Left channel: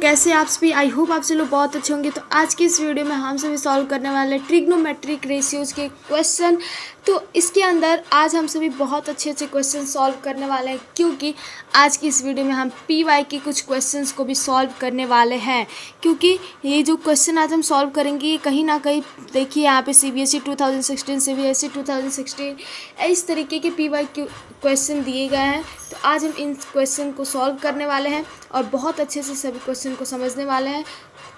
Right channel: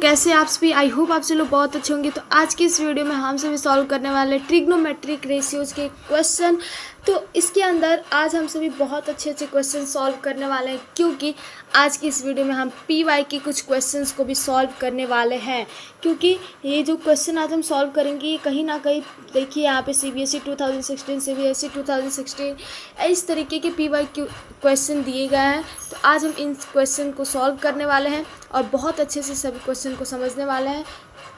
कैसे आप सभी, आई होप आप सभी लोग बहुत अच्छे होंगे। तो आज की इस वीडियो में हम सभी सॉल्व करने वाले ट्रिग्नोमेट्रिक रेशियोज़ के क्वेश्चन। तो इसके अंदर आज हम सभी बहुत अच्छे अच्छे क्वेश्चन सॉल्व करने वाले हैं, क्योंकि आज की इस वीडियो में हम पीवाई के कुछ क्वेश्चंस को भी सॉल्व करने वाले हैं। क्योंकि ये जो क्वेश्चन आज हम सॉल्व करेंगे ये कहीं ना कहीं देखिए यहाँ पे CBSE 2016, CBSE 2016 इस तरीके के पीवाई के क्वेश्चन दिए गए हैं। तो आज हम इन क्वेश्चन को सॉल्व करने वाले हैं और बहुत अच्छे से सभी क्वेश्चन को समझने वाले हैं।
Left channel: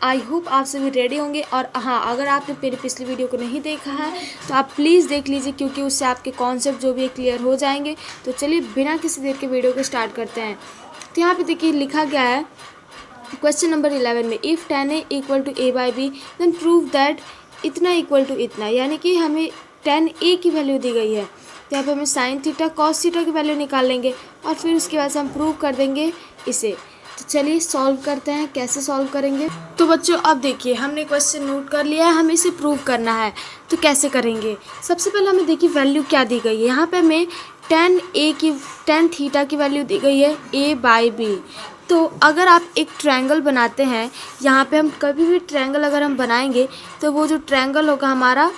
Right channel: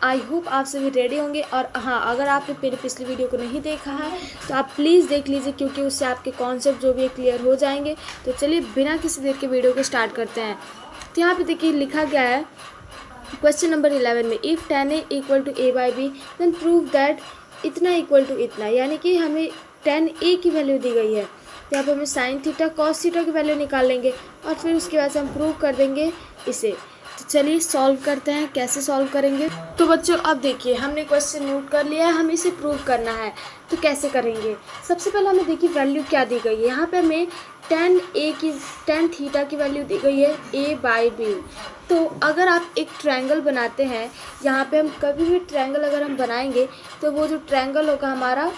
आई होप आप सभी रेडी होंगे। और हाँ, अगर आपने मेरी पिछली वीडियो को नहीं देखा है तो आप प्लीज़ देख लीजिए, क्योंकि उससे आपके कॉन्सेप्ट जो भी क्लियर हो जाएंगे। तो चलिए बिना किसी देर के वीडियो को स्टार्ट करते हैं। तो यहाँ पे देखिए लिखा गया है क्वेश्चन नंबर 11 में, if tan a equal to a/b then prove that इतना इक्वल टू इतना। यानी कि हमें tan a की वैल्यू दी गई है, तो यहाँ पे हमें साइन थीटा कॉस थीटा की वैल्यू निकाल लेंगे और फिर उसके बाद से हम प्रूव कर देंगे इसे। तो चलिए सॉल्व करते हैं, कैसे सॉल्व करेंगे। तो बच्चों अब देखिए हमने क्वेश्चन नोट कर लिया है, हमें इसे प्रूव करना है। तो कैसे करेंगे, सबसे पहले हमें देखिए वैल्यू क्या दी गई है। यहाँ पे हमें tan थीटा की वैल्यू दी गई है a/b। तो अगर आप एक ट्रायंगल बनाते हैं, यहाँ पे हम कभी भी ट्रायंगल अगर हम बनाएंगे तो वो जो ट्रायंगल होगा हमारा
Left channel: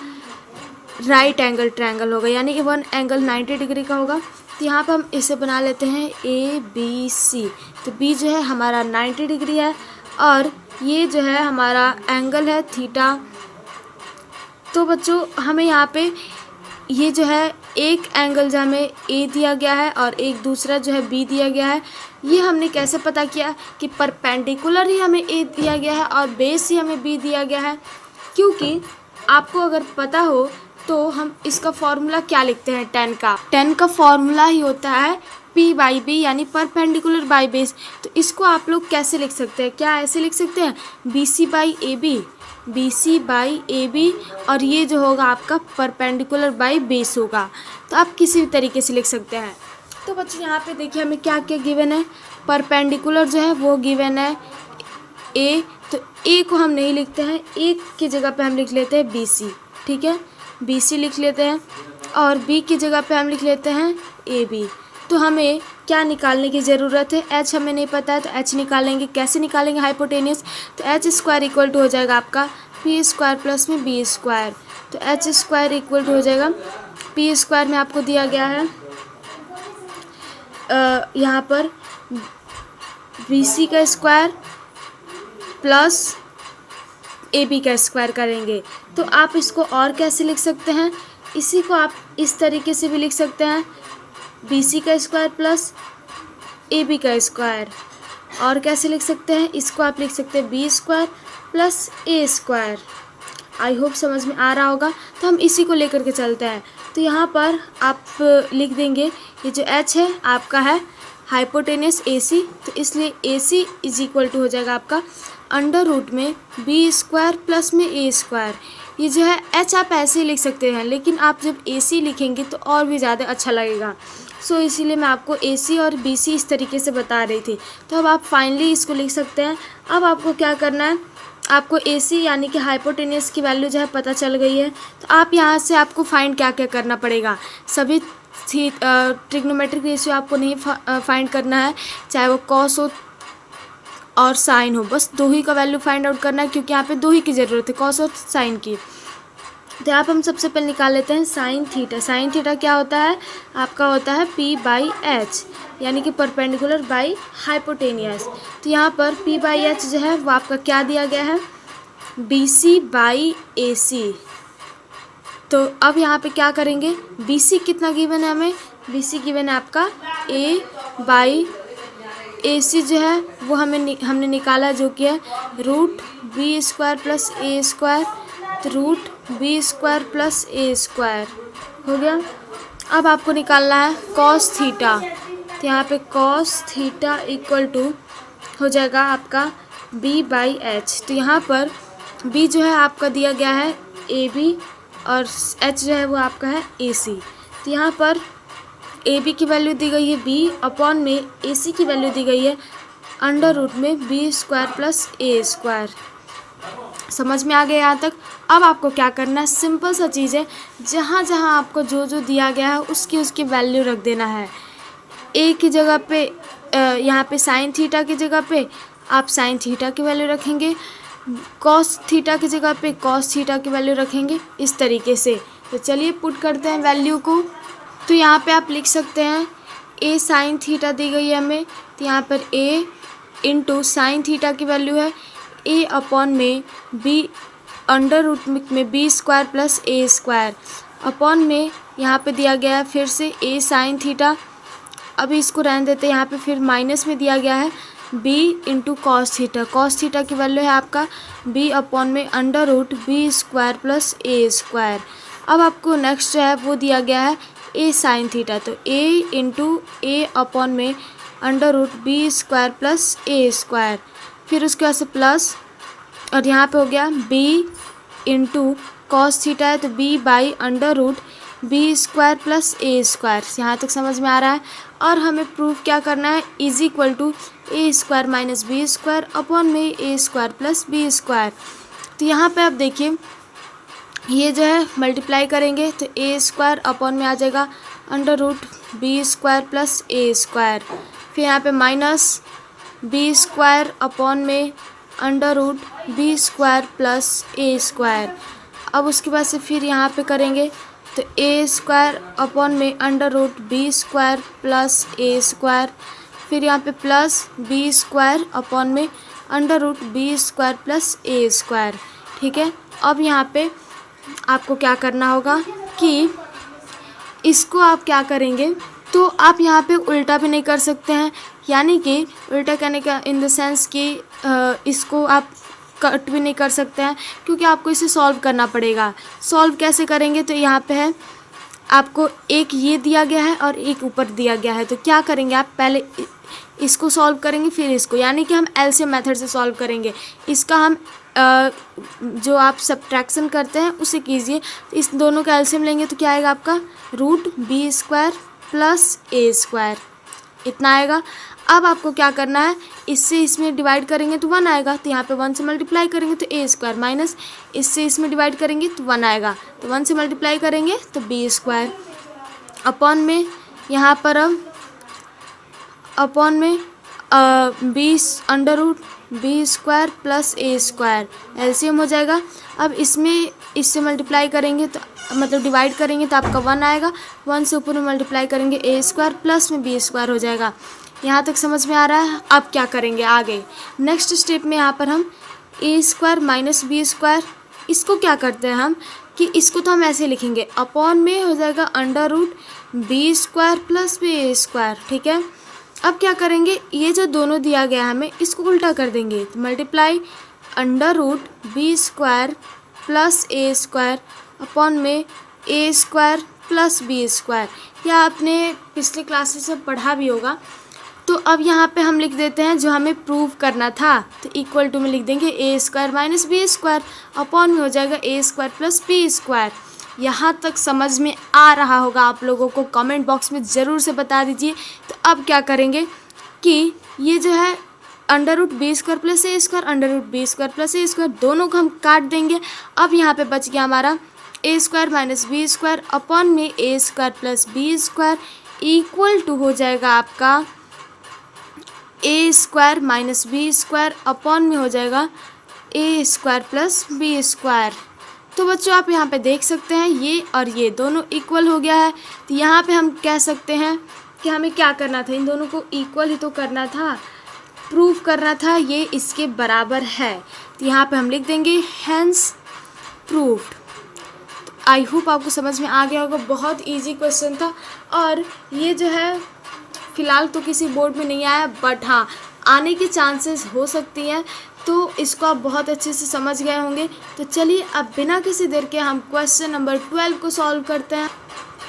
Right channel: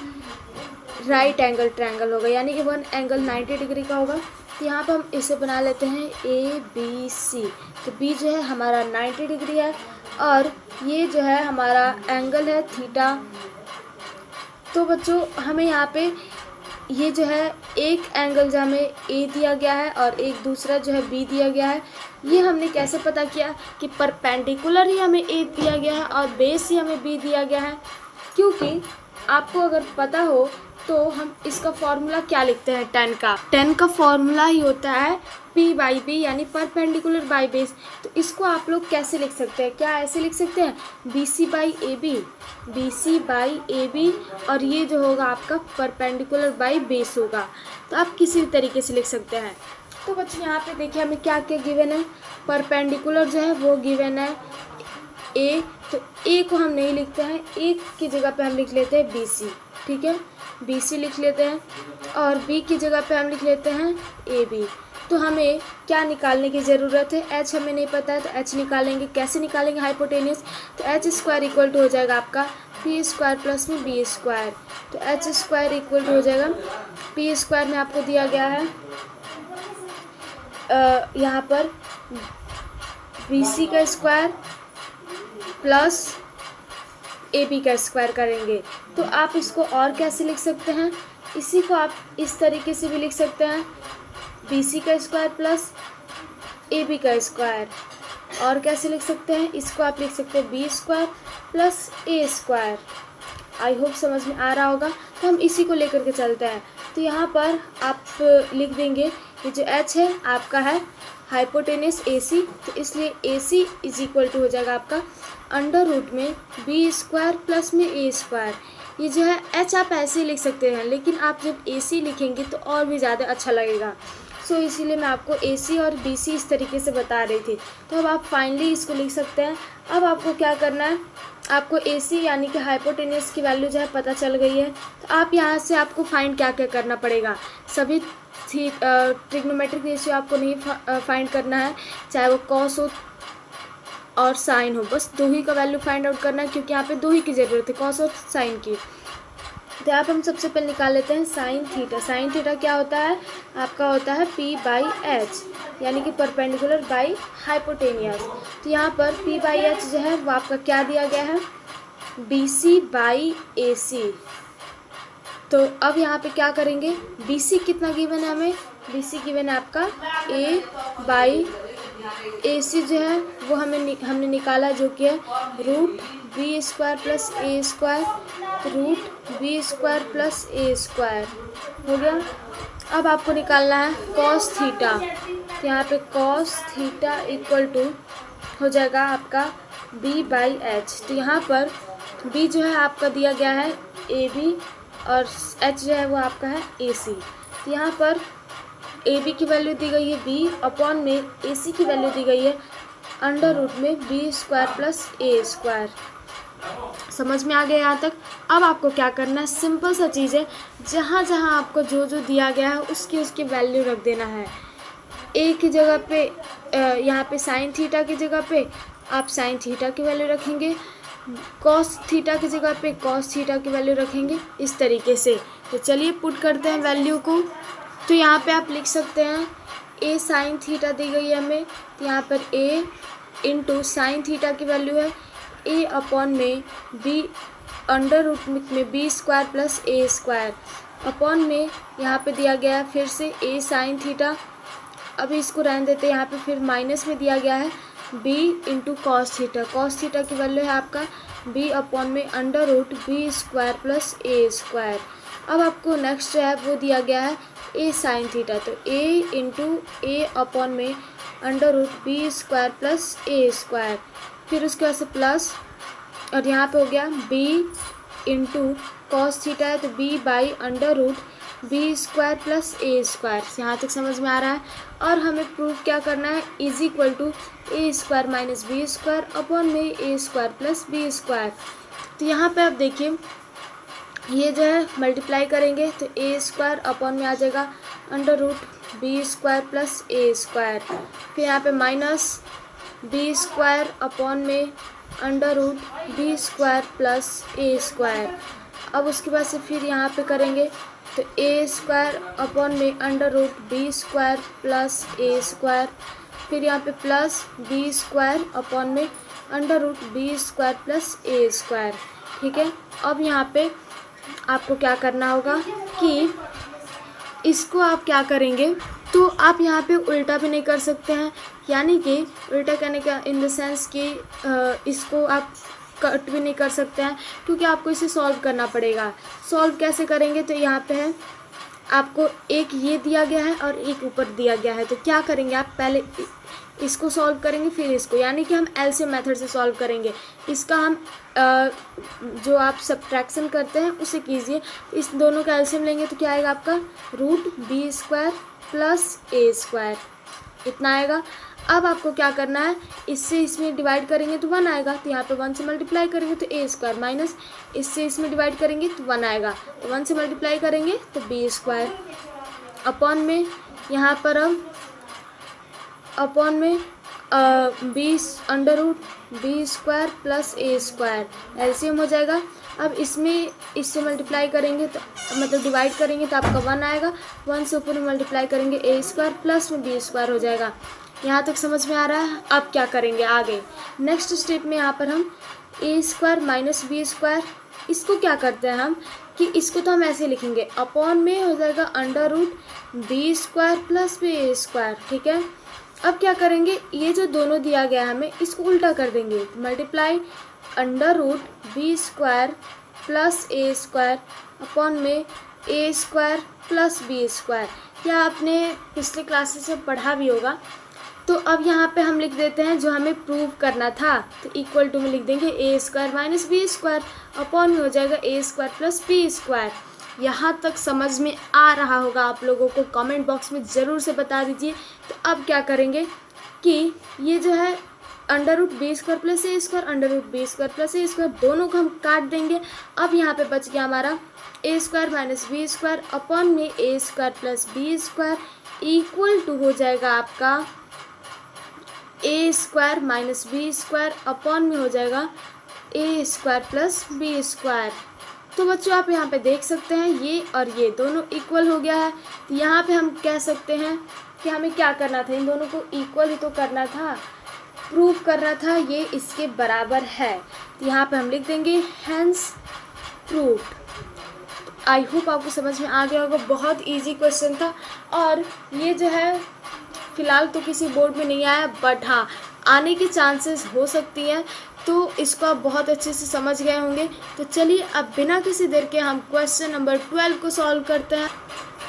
राइट एंगल ट्रायंगल होगा, यानी कि वन एंगल 90 डिग्री का होगा। तो यहाँ पर हम इसे बना लेते हैं ABC। तो B जो है हमारा 90 डिग्री है और ये जो है हमारा एंगल है थीटा। तो बच्चों हमें यहाँ पे ये जो है एक एंगल जो हमें A दिया गया है और एक दूसरा जो है B दिया गया है। ये हमने कैसे पता किया कि परपेंडिकुलर ही हमें A दिया गया है और बेस ही हमें B दिया गया है। क्योंकि आपको अगर पता हो तो हम इसका फॉर्मूला क्या लिखते हैं, tan का फॉर्मूला ही होता है P/B, यानी परपेंडिकुलर बाई बेस। तो इसको आप लोग कैसे लिख सकते हैं, क्या ऐसे लिख सकते हैं BC/AB और ये जो होगा आपका परपेंडिकुलर बाई बेस होगा। तो आप किसी भी तरीके से लिख सकते हैं। तो बच्चों यहाँ पे देखिए हमें क्या क्या गिवन है, परपेंडिकुलर जो है वो गिवन है A। तो A को हम नहीं लिखते हैं, A की जगह पे हम लिख लेते हैं BC, ठीक है, BC लिख लेते हैं। और B की जगह पे हम लिख लेते हैं AB। तो हमें क्या निकालने की ज़रूरत है, H हमें नहीं पता है तो H निकालेंगे। कैसे निकालेंगे, हाइपोटेनियस। तो H² इक्वल टू हो जाएगा आपका P² प्लस में B²। तो H² इक्वल टू हो जाएगा P² में आपको दिया गया है यहाँ पर BC का स्क्वायर प्लस AB का स्क्वायर करेंगे। तो आप इसको और कैसे लिख सकते हैं, इसी को आप इस तरीके से भी लिख सकते हैं, BC का स्क्वायर प्लस AB का स्क्वायर। और कैसे लिख सकते हैं, इसको आप लिख सकते हैं B² plus A²। I hope समझ में आ रहा होगा। तो हम इसी को लेकर के चलते हैं। तो यहाँ पर आप लिख देंगे ये जो H है आपका है हाइपोटेनियस AC। तो इसलिए AC इज इक्वल टू हो जाएगा आपका अंडर रूट में B² प्लस में A²। ये जो है H आप ऐसे ही लिख सकते हैं, लेकिन आप जब AC लिखेंगे तो और भी ज़्यादा अच्छा लगेगा। सो इसीलिए मैं आपको AC और BC इस तरीके से बता रही थी। तो अब आप फाइनली इसको लिख सकते हैं। अब आपको क्या करना है, आपको AC यानी कि हाइपोटेनियस की वैल्यू जो है पता चल गई है। तो आप यहाँ से आपको फाइंड क्या क्या करना पड़ेगा, सभी ट्रिग्नोमेट्रिक रेशियो आपको नहीं फाइंड करना है, चाहे वो कॉस हो और साइन हो, बस दो ही का वैल्यू फाइंड आउट करना है, क्योंकि यहाँ पे दो ही की ज़रूरत है, कॉस और साइन की। तो यहाँ पर हम सबसे पहले निकाल लेते हैं साइन थीटा। साइन थीटा क्या होता है, आपका होता है P/H, यानी कि परपेंडिकुलर बाई हाइपोटेनियस। तो यहाँ पर P/H जो है वो आपका क्या दिया गया है, BC/AC। तो अब यहाँ पे क्या करेंगे, BC कितना गिवन है हमें, BC गिवन है आपका A/AC जो है वो हमने निकाला, जो कि है √B² प्लस A²। तो √B² प्लस A² हो गया। अब आपको निकालना है कॉस थीटा। तो यहाँ पे कॉस थीटा इक्वल टू हो जाएगा आपका B/H। तो यहाँ पर B जो है आपका दिया गया है AB और H जो है वो आपका है AC। तो यहाँ पर AB की वैल्यू दी गई है B अपॉन में AC की वैल्यू दी गई है अंडर रूट में B² प्लस A²। समझ में आ गया यहाँ तक। अब आपको क्या करना है, सिंपल सा चीज़ है, जहाँ जहाँ आपको जो जो दिया गया है उसकी वैल्यू रख देना है। A की जगह पे यहाँ पे साइन थीटा की जगह पे आप साइन थीटा की वैल्यू रखेंगे, कॉस थीटा की जगह पे कॉस थीटा की वैल्यू रखेंगे, इस तरीके से। तो चलिए पुट करते हैं वैल्यू को। तो यहाँ पे आप लिख सकते हैं ए साइन थीटा दी गई है हमें, तो यहाँ पर ए इंटू साइन थीटा की वैल्यू है ए अपॉन में बी अंडर रूट में बी स्क्वायर प्लस ए स्क्वायर अपॉन में यहाँ पे दिया गया है फिर से ए साइन थीटा। अभी इसको रहने देते हैं, यहाँ पे फिर माइनस में दिया गया है B into cos theta. Cos theta की वैल्यू है आपका बी अपॉन में under root B square plus ए स्क्वायर। अब आपको नेक्स्ट जो है वो दिया गया है ए साइन थीटा, तो ए इंटू ए अपॉन में under root B square plus ए स्क्वायर, फिर उसके बाद से प्लस, और यहाँ पे हो गया बी इंटू कॉस थीटा है तो b by under root B square plus A square. यहाँ तक समझ में आ रहा है। और हमें प्रूफ क्या करना है, is equal to a square minus B square upon में ए स्क्वायर प्लस बी स्क्वायर। तो यहाँ पे आप देखिए ये जो है मल्टीप्लाई करेंगे तो ए स्क्वायर अपॉन में आ जाएगा under root B square plus ए स्क्वायर, फिर यहाँ पे माइनस बी स्क्वायर अपॉन में under root B square plus ए स्क्वायर। अब उसके बाद से फिर यहाँ पे करेंगे तो ए स्क्वायर अपॉन में under root B square plus ए स्क्वायर, फिर यहाँ पे प्लस बी स्क्वायर अपॉन में under root B square plus ए स्क्वायर। ठीक है, अब यहाँ पे आपको क्या करना होगा कि इसको आप क्या करेंगे, तो आप यहाँ पे उल्टा भी नहीं कर सकते हैं, यानी कि उल्टा कहने का इन द सेंस कि इसको आप कट भी नहीं कर सकते हैं, क्योंकि आपको इसे सॉल्व करना पड़ेगा। सॉल्व कैसे करेंगे, तो यहाँ पे है आपको एक ये दिया गया है और एक ऊपर दिया गया है, तो क्या करेंगे आप पहले इसको सॉल्व करेंगे फिर इसको, यानी कि हम एलसीएम मेथड से सॉल्व करेंगे। इसका हम जो आप सब्ट्रैक्शन करते हैं उसे कीजिए, तो इस दोनों का एलसीएम लेंगे तो क्या आएगा आपका रूट बी स्क्वायर प्लस ए स्क्वायर, इतना आएगा। अब आपको क्या करना है, इससे इसमें डिवाइड करेंगे तो 1 आएगा, तो यहाँ पे 1 से मल्टीप्लाई करेंगे तो ए स्क्वायर, माइनस इससे इसमें डिवाइड करेंगे तो 1 आएगा, तो 1 से मल्टीप्लाई करेंगे तो बी स्क्वायर अपॉन में यहाँ पर अब अपॉन में b under root B square plus ए स्क्वायर, एलसीएम हो जाएगा। अब इसमें इससे मल्टीप्लाई करेंगे तो मतलब डिवाइड करेंगे तो आपका 1 आएगा, 1 से ऊपर में मल्टीप्लाई करेंगे ए स्क्वायर प्लस में बी स्क्वायर हो जाएगा। यहाँ तक समझ में आ रहा है। अब क्या करेंगे आगे, नेक्स्ट स्टेप में यहाँ पर हम ए स्क्वायर माइनस बी स्क्वायर, इसको क्या करते हैं हम कि इसको तो हम ऐसे लिखेंगे अपॉन में हो जाएगा under root B square plus B square. ठीक है, अब क्या करेंगे, ये जो दोनों दिया गया हमें इसको उल्टा कर देंगे, तो multiply under root B square plus ए स्क्वायर अपॉन में ए स्क्वायर प्लस बी स्क्वायर। यह आपने पिछले क्लासेस से पढ़ा भी होगा। तो अब यहाँ पे हम लिख देते हैं जो हमें प्रूव करना था, तो इक्वल टू में लिख देंगे A square minus B square upon में हो जाएगा A square plus B square. यहाँ तक समझ में आ रहा होगा आप लोगों को, कमेंट बॉक्स में ज़रूर से बता दीजिए। तो अब क्या करेंगे कि ये जो है under root B square plus ए square under root B square plus ए स्क्वायर दोनों को हम काट देंगे। अब यहाँ पे बच गया हमारा A square minus B square upon में ए square plus B square equal to हो जाएगा आपका A square minus B square upon में हो जाएगा A square plus B square. तो बच्चों आप यहाँ पे देख सकते हैं ये और ये दोनों इक्वल हो गया है। तो यहाँ पे हम कह सकते हैं कि हमें क्या करना था, इन दोनों को इक्वल ही तो करना था, प्रूव करना था ये इसके बराबर है। तो यहाँ पे हम लिख देंगे हैंस प्रूव्ड। तो आई होप आपको समझ में आ गया होगा, बहुत इजी क्वेश्चन था और ये जो है फ़िलहाल तो किसी बोर्ड में नहीं आया, बट हाँ आने के चांसेस हो सकती हैं, तो इसको आप बहुत अच्छे से समझ गए होंगे। तो चलिए अब बिना किसी देर के हम क्वेश्चन नंबर 12 को सॉल्व करते हैं।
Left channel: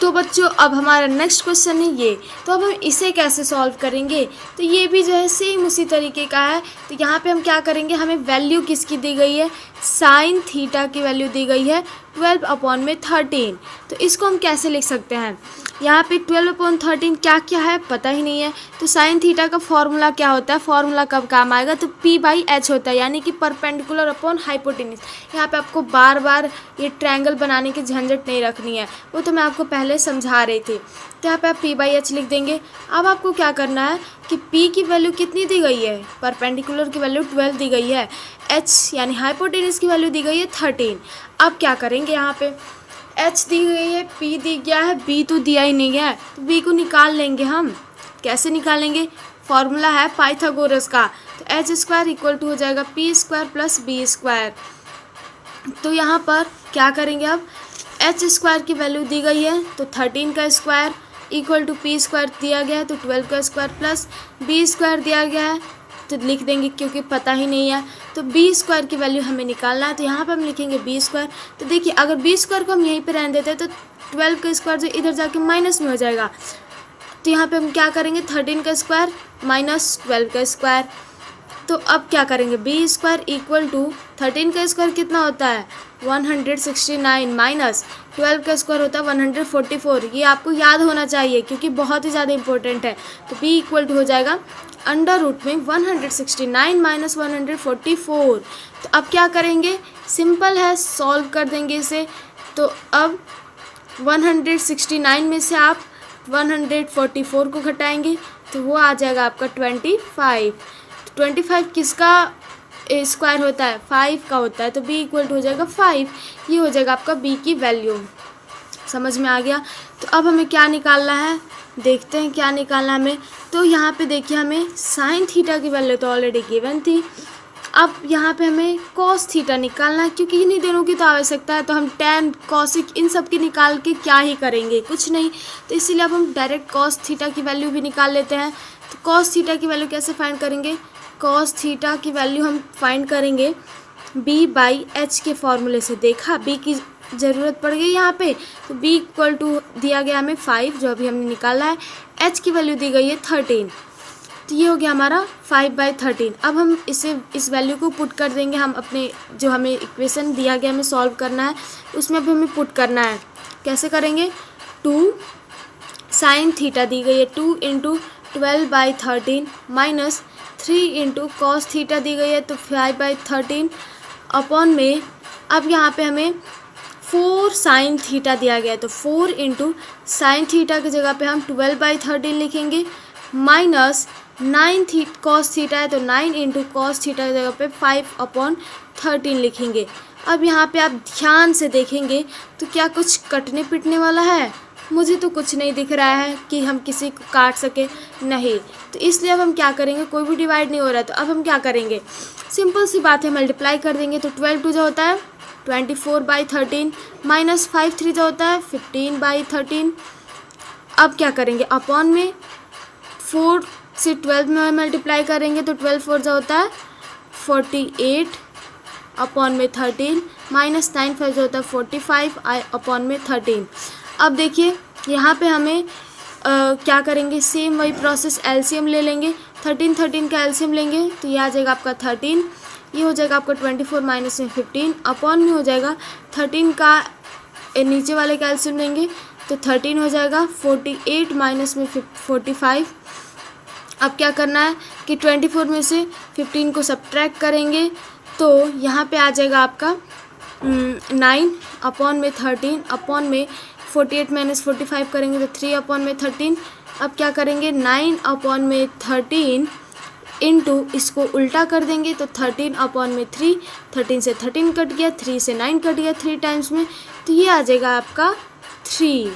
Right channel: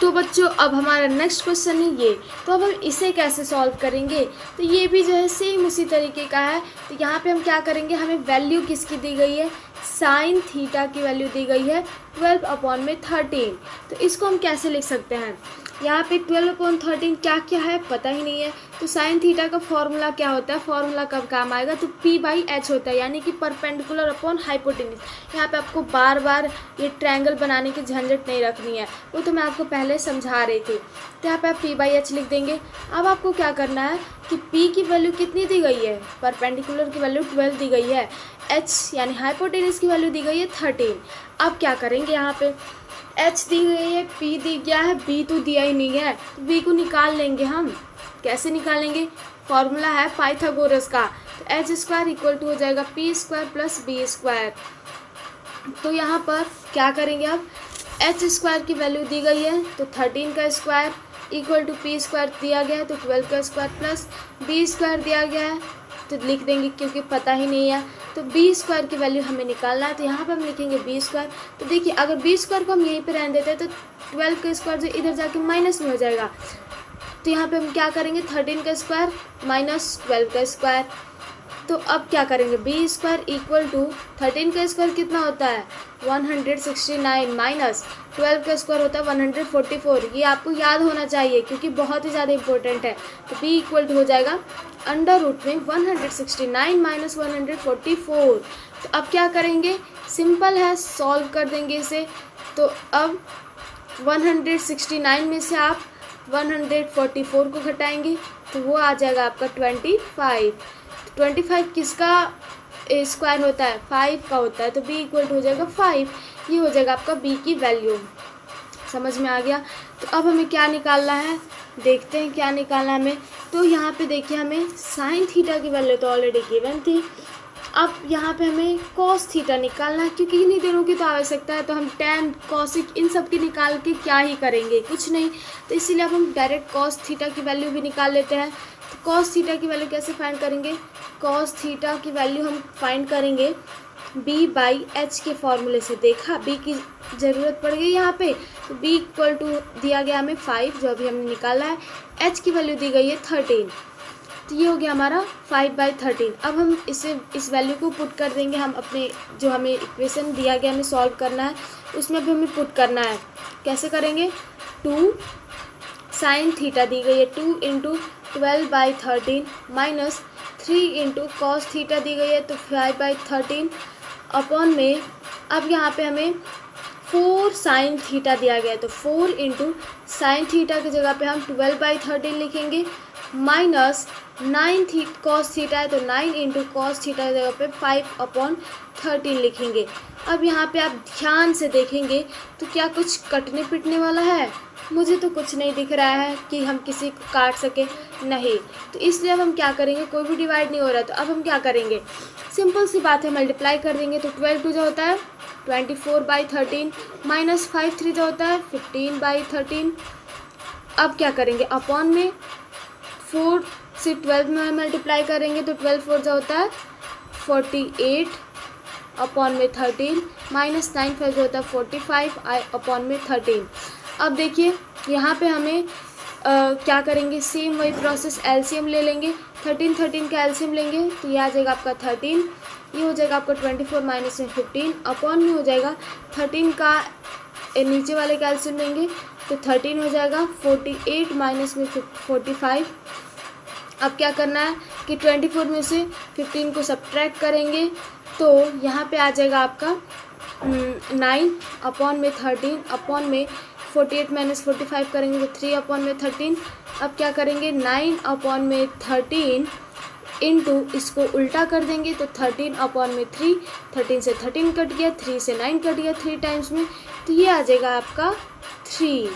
तो बच्चों अब हमारा नेक्स्ट क्वेश्चन है ये, तो अब हम इसे कैसे सॉल्व करेंगे, तो ये भी जो है सेम उसी तरीके का है। तो यहाँ पे हम क्या करेंगे, हमें वैल्यू किसकी दी गई है, साइन थीटा की वैल्यू दी गई है 12 अपॉन में 13। तो इसको हम कैसे लिख सकते हैं, यहाँ पे 12 अपॉन 13 क्या क्या है पता ही नहीं है। तो साइन थीटा का फॉर्मूला क्या होता है, फॉर्मूला कब काम आएगा, तो P/H होता है, यानी कि परपेंडिकुलर अपॉन हाइपोटेन्यूज। यहाँ पे आपको बार बार ये ट्रायंगल बनाने की झंझट नहीं रखनी है, वो तो मैं आपको पहले पहले समझा रहे थे। तो यहाँ पे आप p/h लिख देंगे। अब आपको क्या करना है कि p की वैल्यू कितनी दी गई है, परपेंडिकुलर की वैल्यू 12 दी गई है, h यानी हाइपोटेनस की वैल्यू दी गई है 13। अब क्या करेंगे, यहाँ पे h दी गई है, p दी गया है, b तो दिया ही नहीं है, तो b को निकाल लेंगे हम। कैसे निकालेंगे, फॉर्मूला है पाइथागोरस का। तो h² इक्वल टू हो जाएगा p² प्लस b²। तो यहाँ पर क्या करेंगे, अब h² की वैल्यू दी गई है तो 13 का स्क्वायर इक्वल टू p² दिया गया है तो 12 का स्क्वायर प्लस b² दिया गया है, तो लिख देंगे क्योंकि पता ही नहीं है। तो b² की वैल्यू हमें निकालना है, तो यहाँ पर हम लिखेंगे b²। तो देखिए अगर b² को हम यहीं पे रहने देते हैं तो 12 का स्क्वायर जो इधर जाके माइनस में हो जाएगा। तो यहाँ पे हम क्या करेंगे, 13 का स्क्वायर माइनस 12 का स्क्वायर। तो अब क्या करेंगे, b² इक्वल टू 13 का स्क्वायर कितना होता है 169 माइनस 12 का स्क्वायर होता है 144। ये आपको याद होना चाहिए क्योंकि बहुत ही ज़्यादा इंपॉर्टेंट है। तो b इक्वल टू हो जाएगा अंडर रूट में 169 माइनस 144। तो अब क्या करेंगे, सिंपल है, सॉल्व कर देंगे इसे। तो अब 169 में से आप 144 को घटाएंगे तो वो आ जाएगा आपका 25। 25 किसका स्क्वायर होता है, 5 का होता है। तो b इक्वल टू हो जाएगा 5। ये हो जाएगा आपका b की वैल्यू। समझ में आ गया। तो अब हमें क्या निकालना है, देखते हैं क्या निकालना हमें। तो यहाँ पे देखिए हमें साइन थीटा की वैल्यू तो ऑलरेडी गिवन थी। अब यहाँ पे हमें कॉस थीटा निकालना है क्योंकि इन्हीं दिनों की तो आवश्यकता है। तो हम टैन कॉसिक इन सब की निकाल के क्या ही करेंगे, कुछ नहीं। तो इसीलिए अब हम डायरेक्ट कॉस थीटा की वैल्यू भी निकाल लेते हैं। तो कॉस थीटा की वैल्यू कैसे फाइंड करेंगे, कॉस थीटा की वैल्यू हम फाइंड करेंगे b/h के फॉर्मूले से। देखा b की ज़रूरत पड़ गई यहाँ पे। तो b इक्वल टू दिया गया हमें 5 जो अभी हमने निकाला है, h की वैल्यू दी गई है 13। तो ये हो गया हमारा 5/13। अब हम इस वैल्यू को पुट कर देंगे, हम अपने जो हमें इक्वेशन दिया गया हमें सॉल्व करना है उसमें भी हमें पुट करना है। कैसे करेंगे, 2 साइन थीटा दी गई है 2 into 12/13 minus 3 into cos theta दी गई है तो 5/13 अपॉन में। अब यहाँ पे हमें 4 साइन थीटा दिया गया है तो 4 इंटू साइन थीटा की जगह पे हम 12/13 लिखेंगे माइनस 9 कॉस थीटा है तो 9 इंटू कॉस थीटा की जगह पे 5/13 लिखेंगे। अब यहाँ पे आप ध्यान से देखेंगे तो क्या कुछ कटने पिटने वाला है, मुझे तो कुछ नहीं दिख रहा है कि हम किसी को काट सके, नहीं। तो इसलिए अब हम क्या करेंगे, कोई भी डिवाइड नहीं हो रहा है। तो अब हम क्या करेंगे, सिंपल सी बात है, मल्टीप्लाई कर देंगे। तो 12 जो होता है 24/13 माइनस 5 जो होता है 15/13। अब क्या करेंगे, अपॉन में 4 से 12 में मल्टीप्लाई करेंगे तो 12 जो होता है 48 अपॉन में 13 माइनस 9 जो होता है 45 अपॉन में 13। अब देखिए यहाँ पे हमें क्या करेंगे, सेम वही प्रोसेस, एलसीएम ले लेंगे। 13 का एलसीएम लेंगे तो ये आ जाएगा आपका 13। ये हो जाएगा आपका 24 माइनस में 15 अपॉन में हो जाएगा 13 का नीचे वाले का एलसीएम लेंगे तो 13 हो जाएगा 48 माइनस में 45। अब क्या करना है कि 24 में से 15 को सब्ट्रैक्ट करेंगे तो यहाँ पे आ जाएगा आपका 9 अपॉन में 13 अपॉन में 48 माइनस 45 करेंगे तो 3 अपॉन में 13। अब क्या करेंगे, 9 अपॉन में 13 इंटू इसको उल्टा कर देंगे तो 13 अपॉन में 3, 13 से 13 कट गया, 3 से 9 कट गया 3 टाइम्स में, तो ये आ जाएगा आपका 3।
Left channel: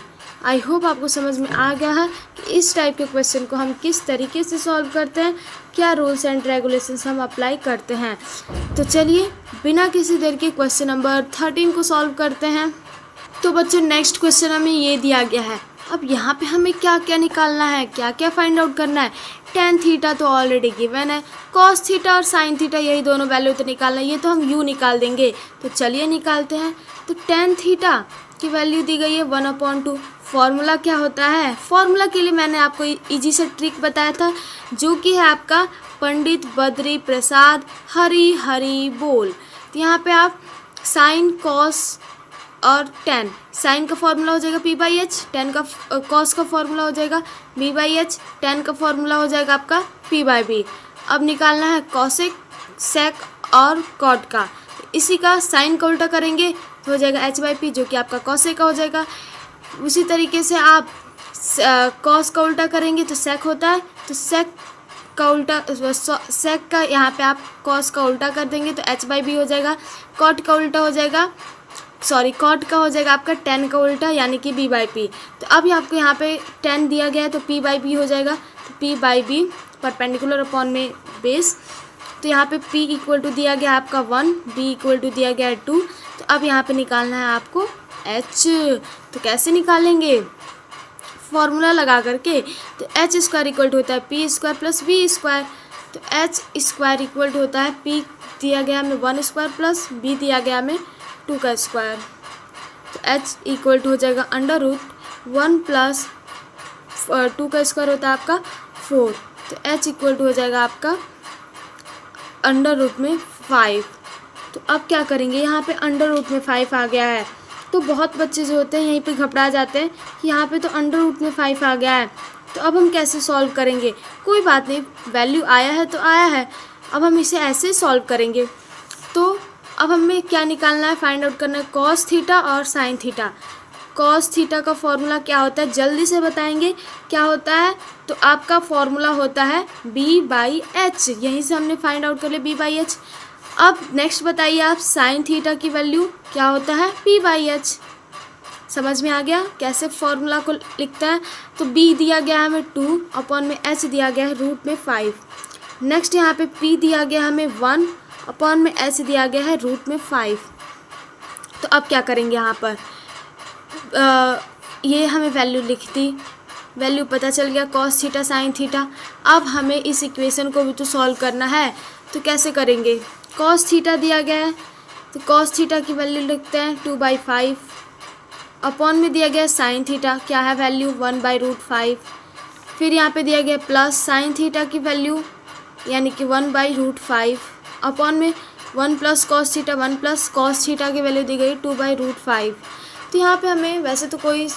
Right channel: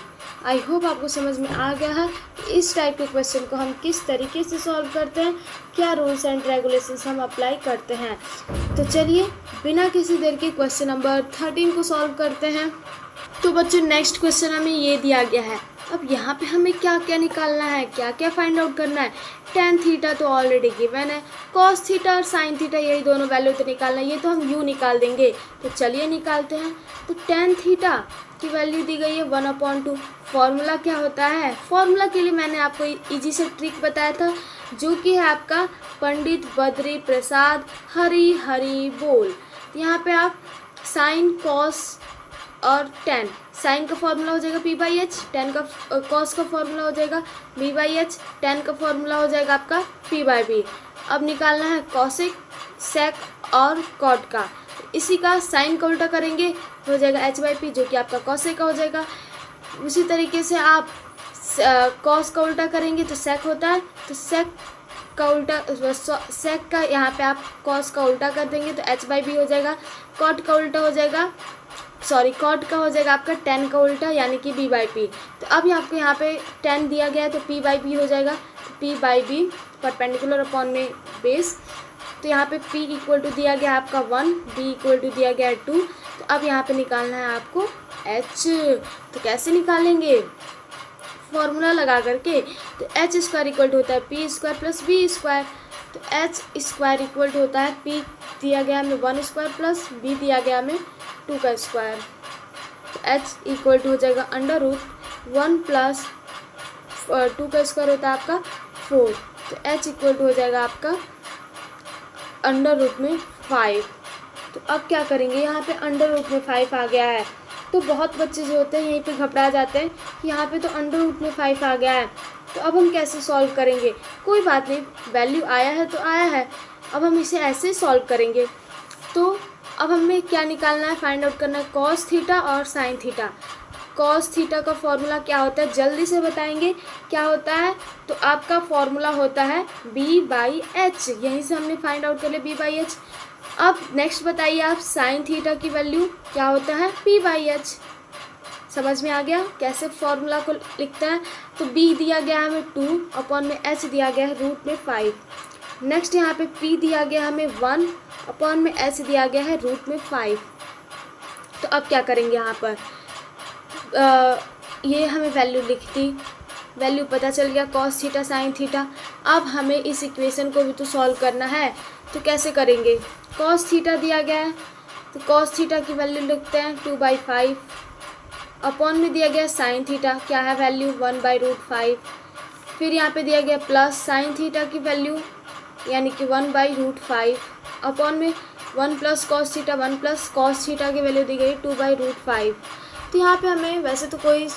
आई होप आपको समझ में आ गया है कि इस टाइप के क्वेश्चन को हम किस तरीके से सॉल्व करते हैं, क्या रूल्स एंड रेगुलेशंस हम अप्लाई करते हैं। तो चलिए बिना किसी देर के क्वेश्चन नंबर 13 को सॉल्व करते हैं। तो बच्चों नेक्स्ट क्वेश्चन हमें ये दिया गया है। अब यहाँ पे हमें क्या क्या निकालना है, क्या क्या फाइंड आउट करना है। टेन थीटा तो ऑलरेडी गिवन है, कॉस थीटा और साइन थीटा यही दोनों वैल्यू तो निकालना है, ये तो हम यू निकाल देंगे। तो चलिए निकालते हैं। तो टेन थीटा की वैल्यू दी गई है 1/2। फॉर्मूला क्या होता है, फॉर्मूला के लिए मैंने आपको इजी से ट्रिक बताया था जो कि है आपका पंडित बद्री प्रसाद हरी हरी बोल। तो यहाँ पे आप साइन कॉस और टेन, साइन का फॉर्मूला हो जाएगा p/h, टेन का कॉस का फॉर्मूला हो जाएगा b/h, टेन का फॉर्मूला हो जाएगा आपका p/b। अब निकालना है कॉसेक, सेक और कॉट का। इसी का साइन का उल्टा करेंगे तो हो जाएगा h/p जो कि आपका कॉसेक का हो जाएगा। उसी तरीके से आप कॉस का उल्टा करेंगे तो सेक होता है, तो सेक का उल्टा सेक का यहाँ पे आप कॉस का उल्टा कर देंगे तो एच बाई बी हो जाएगा। कॉट का उल्टा हो जाएगा, कॉट का हो जाएगा आपका टेन का उल्टा यानी कि बी बाई पी। तो अब आपको यहाँ पे 10 दिया गया है तो पी बाई बी हो जाएगा, तो p by b perpendicular upon में बेस। तो यहाँ पे p इक्वल टू दिया गया आपका 1, b इक्वल टू दिया गया है 2। तो अब यहाँ पे निकालना है आपको h। तो कैसे निकालेंगे, फॉर्मूला लगा करके। तो एच स्क्वायर इक्वल टू होता है p square plus B square. तो एच स्क्वायर इक्वल टू होता है पी दिया गया हमें 1 स्क्वायर प्लस बी दिया गया हमें 2 का स्क्वायर। तो एच इक्वल टू हो जाएगा अंडर रूट 1 प्लस 2 का स्क्वायर होता है आपका 4। तो एच इक्वल टू हो जाएगा आपका अंडर रूट में 5। तो अब क्या करेंगे, यहाँ पे अंडर रूट में 5 आ गया है तो बहुत बच्चे जो होते हैं यहीं पे घबरा जाते हैं कि यहाँ पे तो अंडर रूट में 5 आ गया है, तो अब हम कैसे सॉल्व करेंगे। कोई बात नहीं, वैल्यू आया है तो आया है, अब हम इसे ऐसे सॉल्व करेंगे। तो अब हमें क्या निकालना है, फाइंड आउट करना है कॉस थीटा और साइन थीटा। कॉस थीटा का फॉर्मूला क्या होता है, जल्दी से बताएंगे क्या होता है। तो आपका फॉर्मूला होता है b बाई एच, यहीं से हमने फाइंड आउट कर लिया b बाई एच। अब नेक्स्ट बताइए आप, साइन थीटा की वैल्यू क्या होता है p बाई एच। समझ में आ गया कैसे फॉर्मूला को लिखता है। तो b दिया गया है हमें 2 अपॉन में h दिया गया है रूट में 5। नेक्स्ट यहाँ पे p दिया गया हमें 1 अपॉन में h दिया गया है रूट में 5। तो अब क्या करेंगे, यहाँ पर ये हमें वैल्यू लिख दी, वैल्यू पता चल गया कॉस थीटा साइन थीटा। अब हमें इस इक्वेशन को भी तो सॉल्व करना है, तो कैसे करेंगे। कॉस थीटा दिया गया है तो कॉस थीटा की वैल्यू लिखते हैं 2/5 अपॉन में दिया गया साइन थीटा क्या है वैल्यू 1/√5। फिर यहाँ पे दिया गया प्लस साइन थीटा की वैल्यू यानी कि 1/√5 अपॉन में 1 plus cos theta 1 plus cos theta की वैल्यू दी गई 2/√5। तो यहाँ पे हमें वैसे तो कोई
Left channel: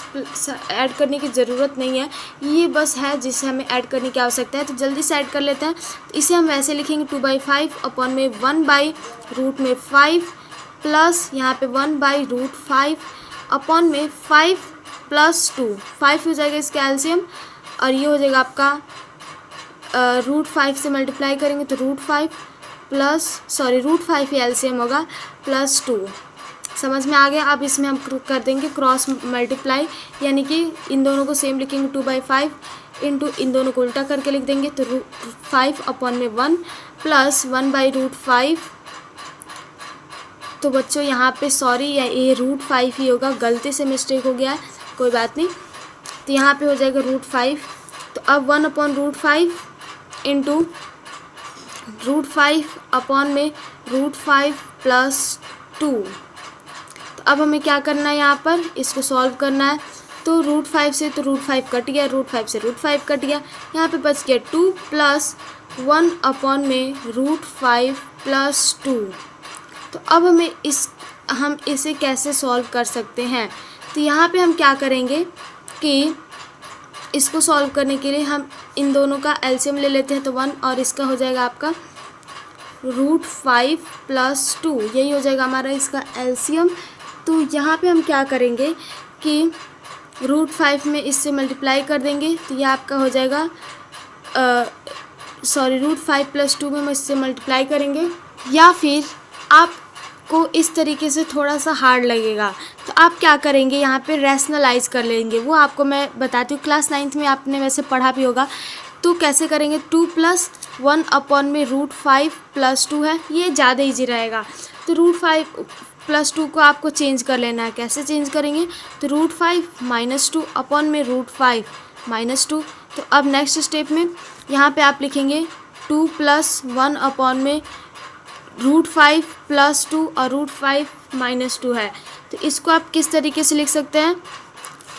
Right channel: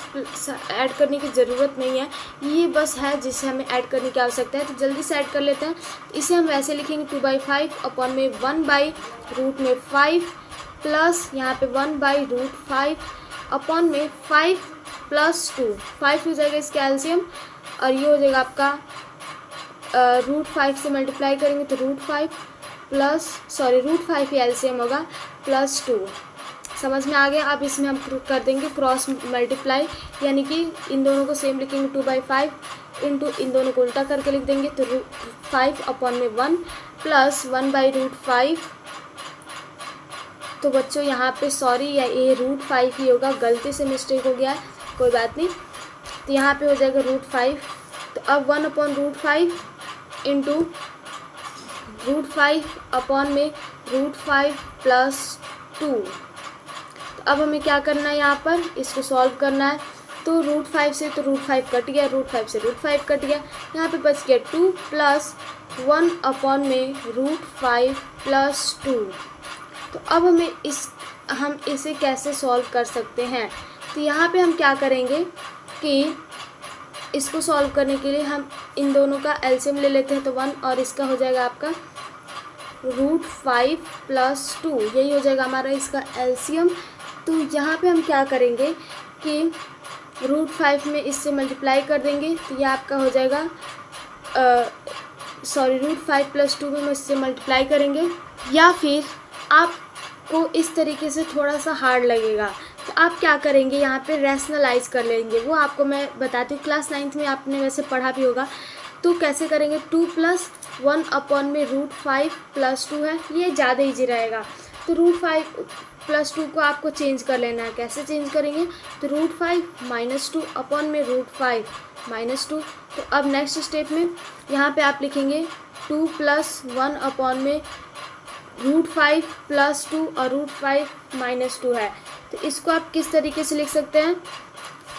ऐड करने की ज़रूरत नहीं है, ये बस है जिसे हमें ऐड करने की आवश्यकता है। तो जल्दी से ऐड कर लेते हैं। तो इसे हम वैसे लिखेंगे 2/5 अपॉन में 1/√5 प्लस यहाँ पे 1/√5 अपॉन में 5 प्लस 2, 5 हो जाएगा इसका एलसीएम और ये हो जाएगा आपका √5 से मल्टीप्लाई करेंगे तो √5 प्लस √5 ही एलसीएम होगा प्लस 2। समझ में आ गया। अब इसमें हम कर देंगे क्रॉस मल्टीप्लाई, यानी कि इन दोनों को सेम लिखेंगे 2/5 इंटू इन दोनों को उल्टा करके लिख देंगे तो 5 अपॉन में 1 प्लस 1/√5। तो बच्चों यहाँ पे ये √5 ही होगा, गलती से मिस्टेक हो गया है, कोई बात नहीं। तो यहाँ पे हो जाएगा √5। तो अब 1/√5 इंटू √5 अपॉन में √5 प्लस 2। अब हमें क्या करना है, यहाँ पर इसको सॉल्व करना है। तो √5 से तो √5 कट गया, √5 से √5 कट गया, यहाँ पे बच गया 2 प्लस 1 अपॉन में √5 प्लस 2। तो अब हम इसे कैसे सॉल्व कर सकते हैं। तो यहाँ पे हम क्या करेंगे कि इसको सॉल्व करने के लिए हम इन दोनों का एलसीएम ले लेते हैं। तो 1 और इसका हो जाएगा आपका √5 प्लस 2, यही हो जाएगा हमारा इसका एलसीएम। तो यहाँ पे हम क्या करेंगे कि √5 में इससे मल्टीप्लाई कर देंगे तो ये आपका हो जाएगा √5 प्लस 2 में हम इससे मल्टीप्लाई करेंगे, या फिर आपको इस तरीके से थोड़ा सा हार्ड लगेगा तो आप क्या करेंगे, यहाँ पे रैशनलाइज कर लेंगे। वो आपको मैं बताती हूँ, क्लास 9th में आपने वैसे पढ़ा भी होगा। तो कैसे करेंगे, 2 प्लस 1 अपॉन में √5 प्लस 2 है, ये ज़्यादा ईजी रहेगा। तो √5 प्लस 2 को आपको चेंज कर लेना है। कैसे चेंज करेंगे, तो √5 माइनस 2 अपॉन में √5 माइनस 2। तो अब नेक्स्ट स्टेप में यहाँ पे आप लिखेंगे 2 प्लस 1 अपॉन में √5 प्लस 2 और √5 माइनस 2 है। तो इसको आप किस तरीके से लिख सकते हैं,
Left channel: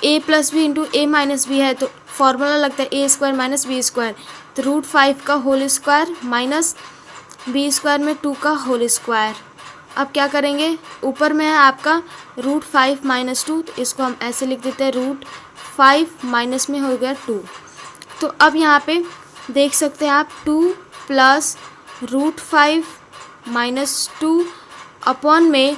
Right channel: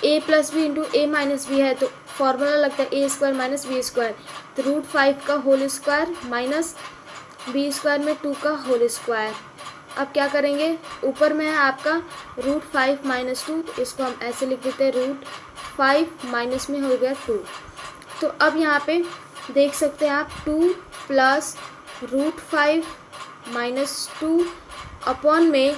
a plus b into a minus b है तो फॉर्मूला लगता है a square minus B square. तो √5 का whole square minus B square में 2 का होल स्क्वायर। अब क्या करेंगे, ऊपर में है आपका √5 माइनस 2, तो इसको हम ऐसे लिख देते हैं √5 माइनस में हो गया 2। तो अब यहाँ पे देख सकते हैं आप 2 प्लस √5 माइनस 2 अपॉन में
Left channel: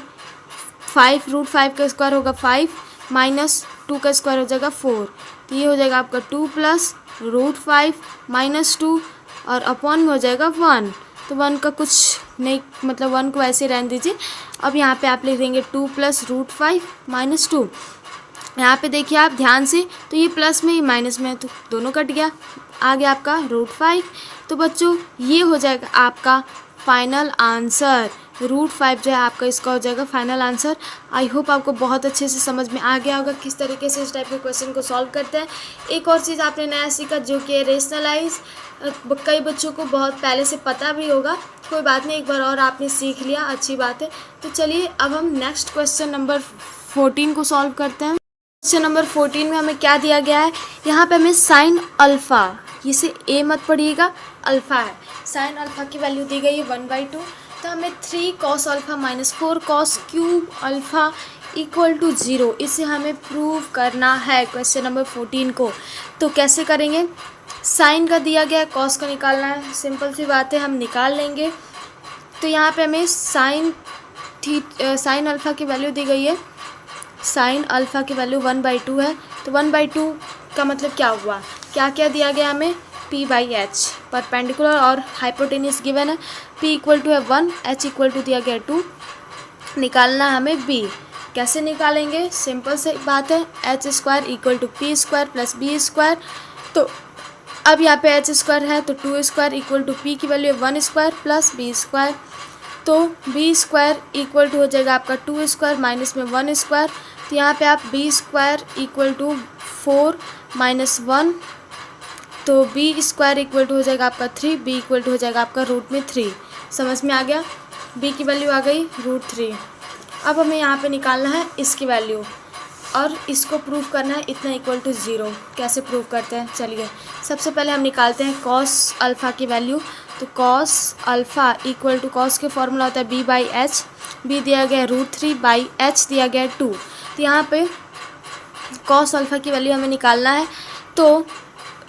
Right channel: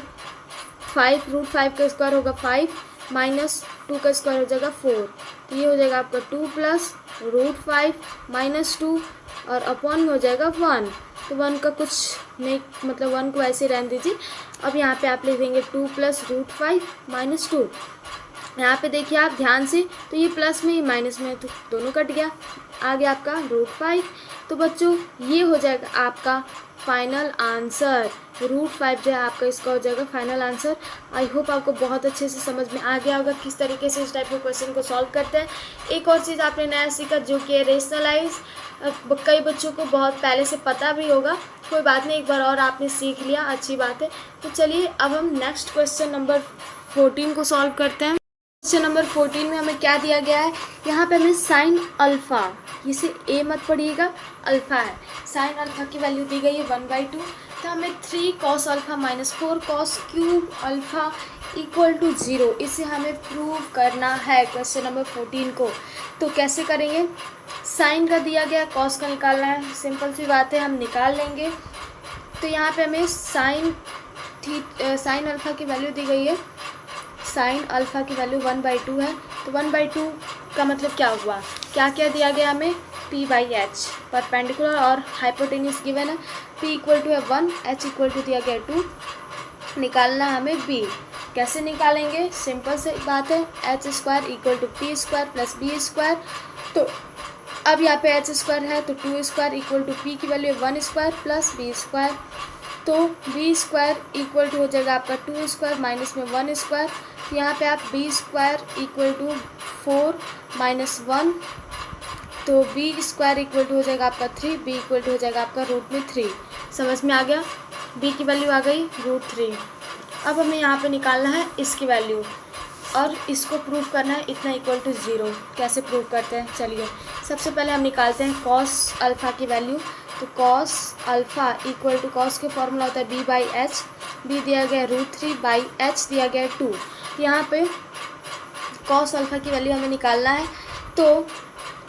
5, √5 का स्क्वायर होगा 5 माइनस 2 का स्क्वायर हो जाएगा 4, तो ये हो जाएगा आपका 2 प्लस √5 माइनस 2 और अपॉन में हो जाएगा 1। तो 1 का कुछ नहीं, मतलब 1 को ऐसे रहने दीजिए। अब यहाँ पे आप लिख देंगे 2 प्लस √5 माइनस 2। यहाँ पे देखिए आप ध्यान से, तो ये प्लस में ये माइनस में, तो दोनों कट गया, आ गया आपका √5। तो बच्चों ये हो जाएगा आपका फाइनल आंसर। √5 जो है आपका इसका हो जाएगा फाइनल आंसर। आई होप आपको बहुत अच्छे से समझ में आ गया होगा किस तरीके से इस टाइप के क्वेश्चन को सॉल्व करते हैं। एक और चीज़ आपने नया सीखा जो कि रेशनलाइज, कई बच्चों को बहुत पहले से पता भी होगा, कोई बात नहीं, एक बार और आपने सीख लिया, अच्छी बात है। तो चलिए अब हम नेक्स्ट क्वेश्चन नंबर 14 को सॉल्व करते हैं। क्वेश्चन नंबर 14 में हमें क्या दिया गया है, यहाँ पे हमें साइन अल्फ़ा, इसे ए मत पढ़िएगा, अल्फ़ा है, साइन अल्फ़ा की वैल्यू दी गई है 1/2। तो हमें 3 cos alpha minus 4 cos cube alpha equal to 0, इसे हमें प्रूव करना है क्वेश्चन नंबर 14 को। तो कैसे करेंगे, साइन का दिया गया है, कॉस का निकालना है, सिंपल सी बात है, हम निकाल लेंगे। तो यहाँ पे हमें साइन अल्फ़ा की वैल्यू दी गई है, साइन अल्फ़ा की वैल्यू 1/2 है। तो 1/2 का मतलब क्या हुआ, क्या क्या दिया गया हमें, p/h, परपेंडिकुलर और हाइपोटेन्यूस गिवन है, p इक्वल टू है 1, h इक्वल टू दिया गया 2, निकालना है हमें b। कैसे निकालेंगे, सिंपल से बात है, h² equal to p² plus b²। तो अब यहाँ पे h² है तो 2² इक्वल टू p की वैल्यू 1² प्लस b²। तो b² इक्वल टू हो जाएगा आपका 2² माइनस में 1²। तो यहाँ पे आप b² इक्वल टू 4 माइनस 1, तो b² इक्वल टू हो जाएगा आपका 3, b इक्वल टू हो जाएगा आपका √3। समझ में आ गया, b की वैल्यू आ गई √3। अब हमें यहाँ पे निकालना है इसकी वैल्यू और इसको प्रूव करना है इतना इक्वल टू 0। कैसे प्रूव करते हैं, चलिए सबसे पहले हम निकालते हैं cos अल्फ़ा की वैल्यू। तो cos alpha equal to, cos के फॉर्मूला होता है b/h, b दिया गया है √3/h दिया गया है 2। तो यहाँ पे cos अल्फ़ा की वैल्यू हमें निकालना है, तो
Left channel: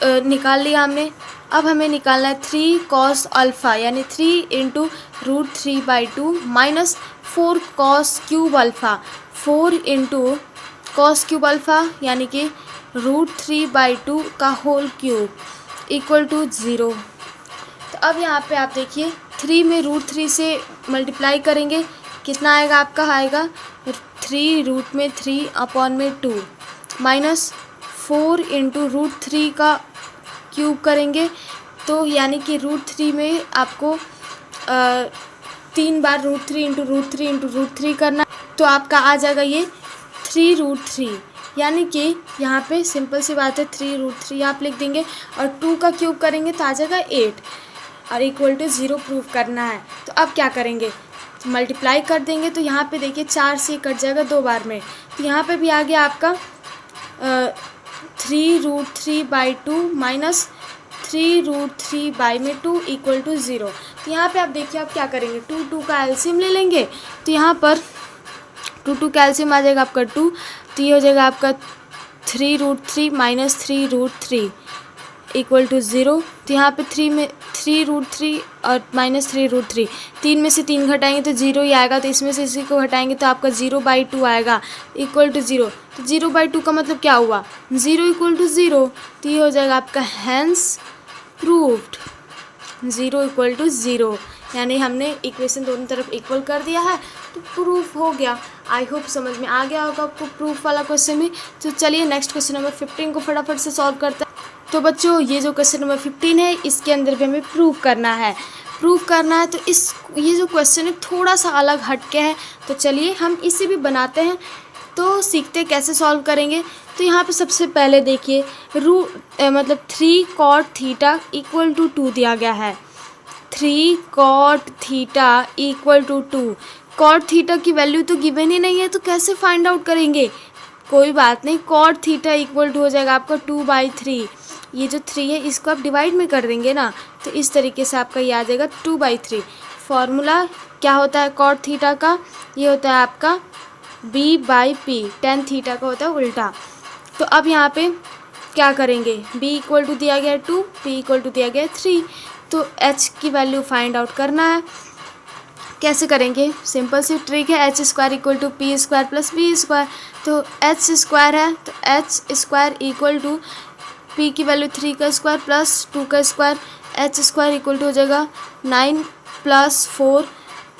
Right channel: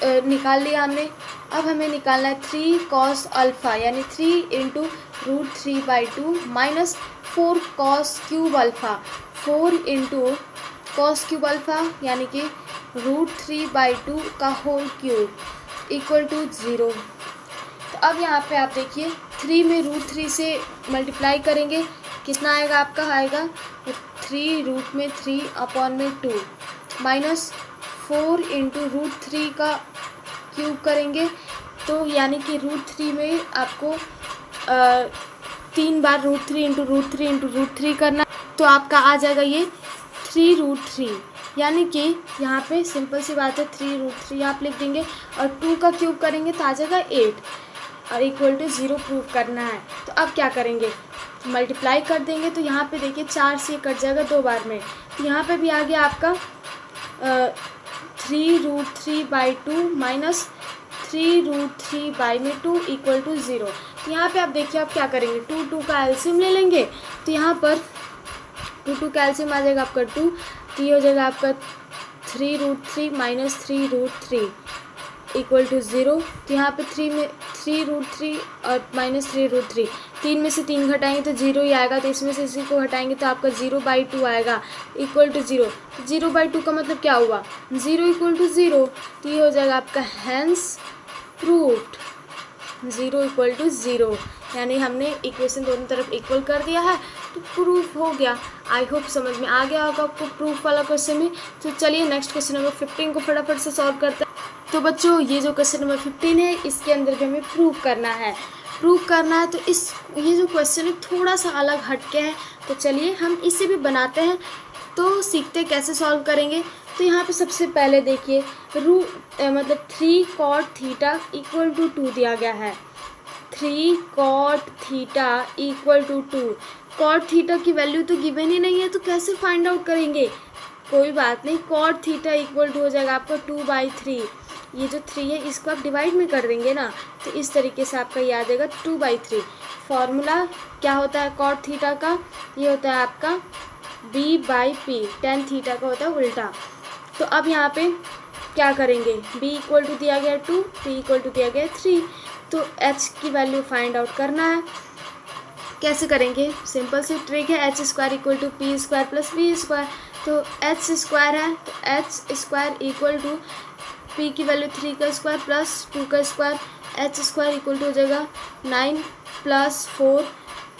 निकाल लिया हमने। अब हमें निकालना है 3 cos अल्फ़ा, यानी 3 into √3/2 minus 4 cos cube alpha, 4 into cos cube alpha यानी कि √3/2 का होल क्यूब इक्वल टू 0। तो अब यहाँ पे आप देखिए 3 में √3 से मल्टीप्लाई करेंगे, कितना आएगा आपका, आएगा 3 रूट में 3 अपॉन में 2 माइनस 4 इंटू √3 का क्यूब करेंगे, तो यानी कि √3 में आपको 3 बार √3 इंटू √3 इंटू √3 करना, तो आपका आ जाएगा ये 3√3, यानी कि यहाँ पे सिंपल सी बात है 3√3 आप लिख देंगे और 2 का क्यूब करेंगे तो आ जाएगा 8 और इक्वल टू 0 प्रूव करना है। तो अब क्या करेंगे, तो मल्टीप्लाई कर देंगे, तो यहाँ पे देखिए 4 से कट जाएगा 2 बार में, तो यहाँ पे भी आ गया आपका 3√3/2 माइनस 3√3/2 इक्वल टू 0। तो यहाँ पे आप देखिए आप क्या करेंगे, 2 का एलसीएम ले लेंगे, तो यहाँ पर 2 का एलसीएम आ जाएगा आपका 2, तो ये हो जाएगा आपका 3√3 माइनस 3√3 इक्वल टू 0। तो यहाँ पे 3 में 3√3 और माइनस 3√3, 3 में से 3 घटाएंगे तो 0 ही आएगा, तो इसमें से इसी को घटाएंगे तो आपका 0/2 आएगा इक्वल टू 0। तो 0/2 का मतलब क्या हुआ, 0 इक्वल टू 0, तो ये हो जाएगा आपका हैंस प्रूव्ड, 0 इक्वल टू 0, यानी हमने इक्वेशन दोनों तरफ इक्वल कर दिया है, तो प्रूफ हो गया। आई होप समझ में आ गया होगा आपको प्रूफ वाला क्वेश्चन भी। तो चलिए नेक्स्ट क्वेश्चन नंबर 15 को फटाफट से सॉल्व करते हैं। तो बच्चों ये जो क्वेश्चन नंबर 15 है इसके अंदर भी हमें प्रूफ करना है, तो ये जो क्वेश्चन है थोड़ा सा अलग हटके है, तो चलिए हम इसे भी बनाते हैं, तो सीखते कैसे सॉल्व करेंगे। तो यहाँ पे सबसे पहले देखिए मतलब 3 cot थीटा इक्वल टू 2 दिया गया है, 3 cot theta equal to 2। cot theta की वैल्यू तो गिवन ही नहीं है, तो कैसे फाइंड आउट करेंगे, कोई बात नहीं, cot थीटा इक्वल टू हो जाएगा आपका 2/3, ये जो 3 है इसको आप डिवाइड में कर देंगे ना, तो इस तरीके से आपका ये आ जाएगा 2/3। फॉर्मूला क्या होता है cot थीटा का, ये होता है आपका b/p, tan थीटा का होता है उल्टा। तो अब यहाँ पे क्या करेंगे, b इक्वल टू दिया गया 2, p इक्वल टू दिया गया 3, तो h की वैल्यू फाइंड आउट करना है। कैसे करेंगे, सिंपल सी ट्रिक है, h square equal to p square plus B square. तो एच स्क्वायर है तो h square equal to p की वैल्यू 3 का स्क्वायर प्लस 2 का square, h square equal to हो जाएगा 9 + 4,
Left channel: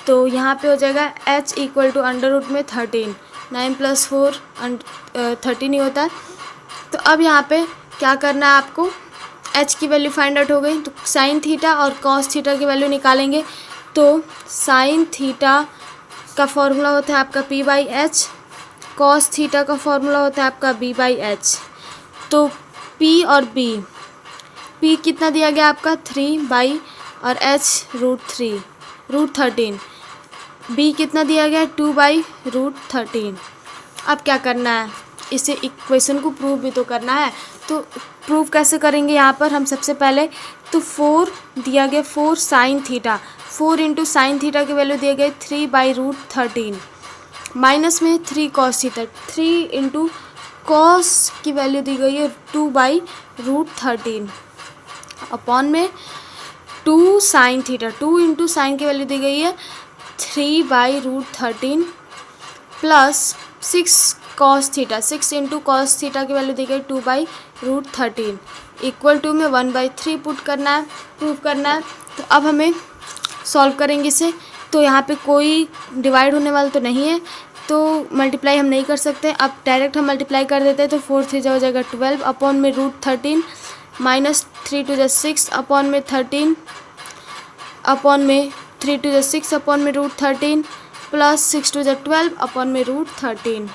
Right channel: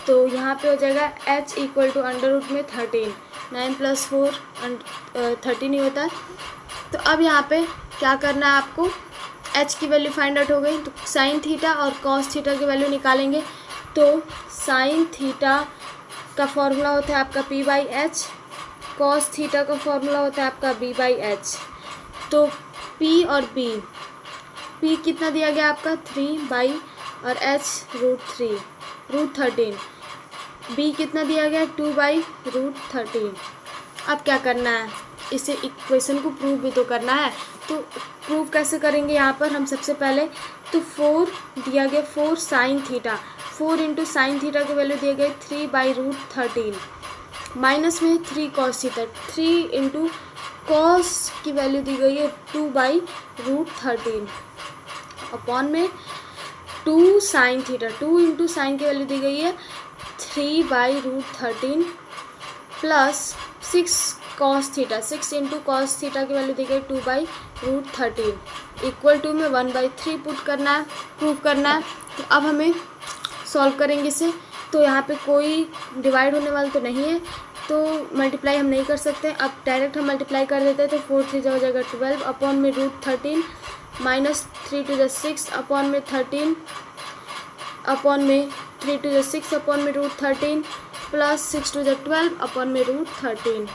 तो यहाँ पे हो जाएगा h equal to under root में 13, 9 + 4 13 ही होता है। तो अब यहाँ पे क्या करना है आपको, एच की वैल्यू फाइंड आउट हो गई, तो साइन थीटा और कॉस थीटा की वैल्यू निकालेंगे। तो साइन थीटा का फॉर्मूला होता है आपका p/h, कॉस थीटा का फॉर्मूला होता है आपका b/h। तो p और p कितना दिया गया आपका 3 और h √3 b कितना दिया गया 2/√13। अब क्या करना है, इसे इक्वेशन को प्रूव भी तो करना है। तो प्रूव कैसे करेंगे, यहाँ पर हम सबसे पहले तो 4 दिया गया 4 sine theta, 4 into sine theta की वैल्यू दिए गए 3/√13, माइनस में 3 कॉस थीटा, 3 इंटू कॉस की वैल्यू दी गई है 2/√13 अपॉन में 2 साइन थीटा, 2 इंटू साइन की वैल्यू दी गई है 3/√13 plus 6 cos theta, 6 into cos theta की वैल्यू दी गई 2/√13 इक्वल टू में 1/3 पुट करना है, प्रूव करना है। तो अब हमें सॉल्व करेंगे इसे। तो यहाँ पे कोई डिवाइड होने वाला तो नहीं है, तो मल्टीप्लाई हम नहीं कर सकते, अब डायरेक्ट हम मल्टीप्लाई कर देते हैं। तो 4 3 हो जाएगा 12 अपॉन में √13 माइनस 3 2 6 अपॉन में 13 अपॉन में 3 2 6 अपॉन में √13 प्लस 6 2 12 अपॉन में √13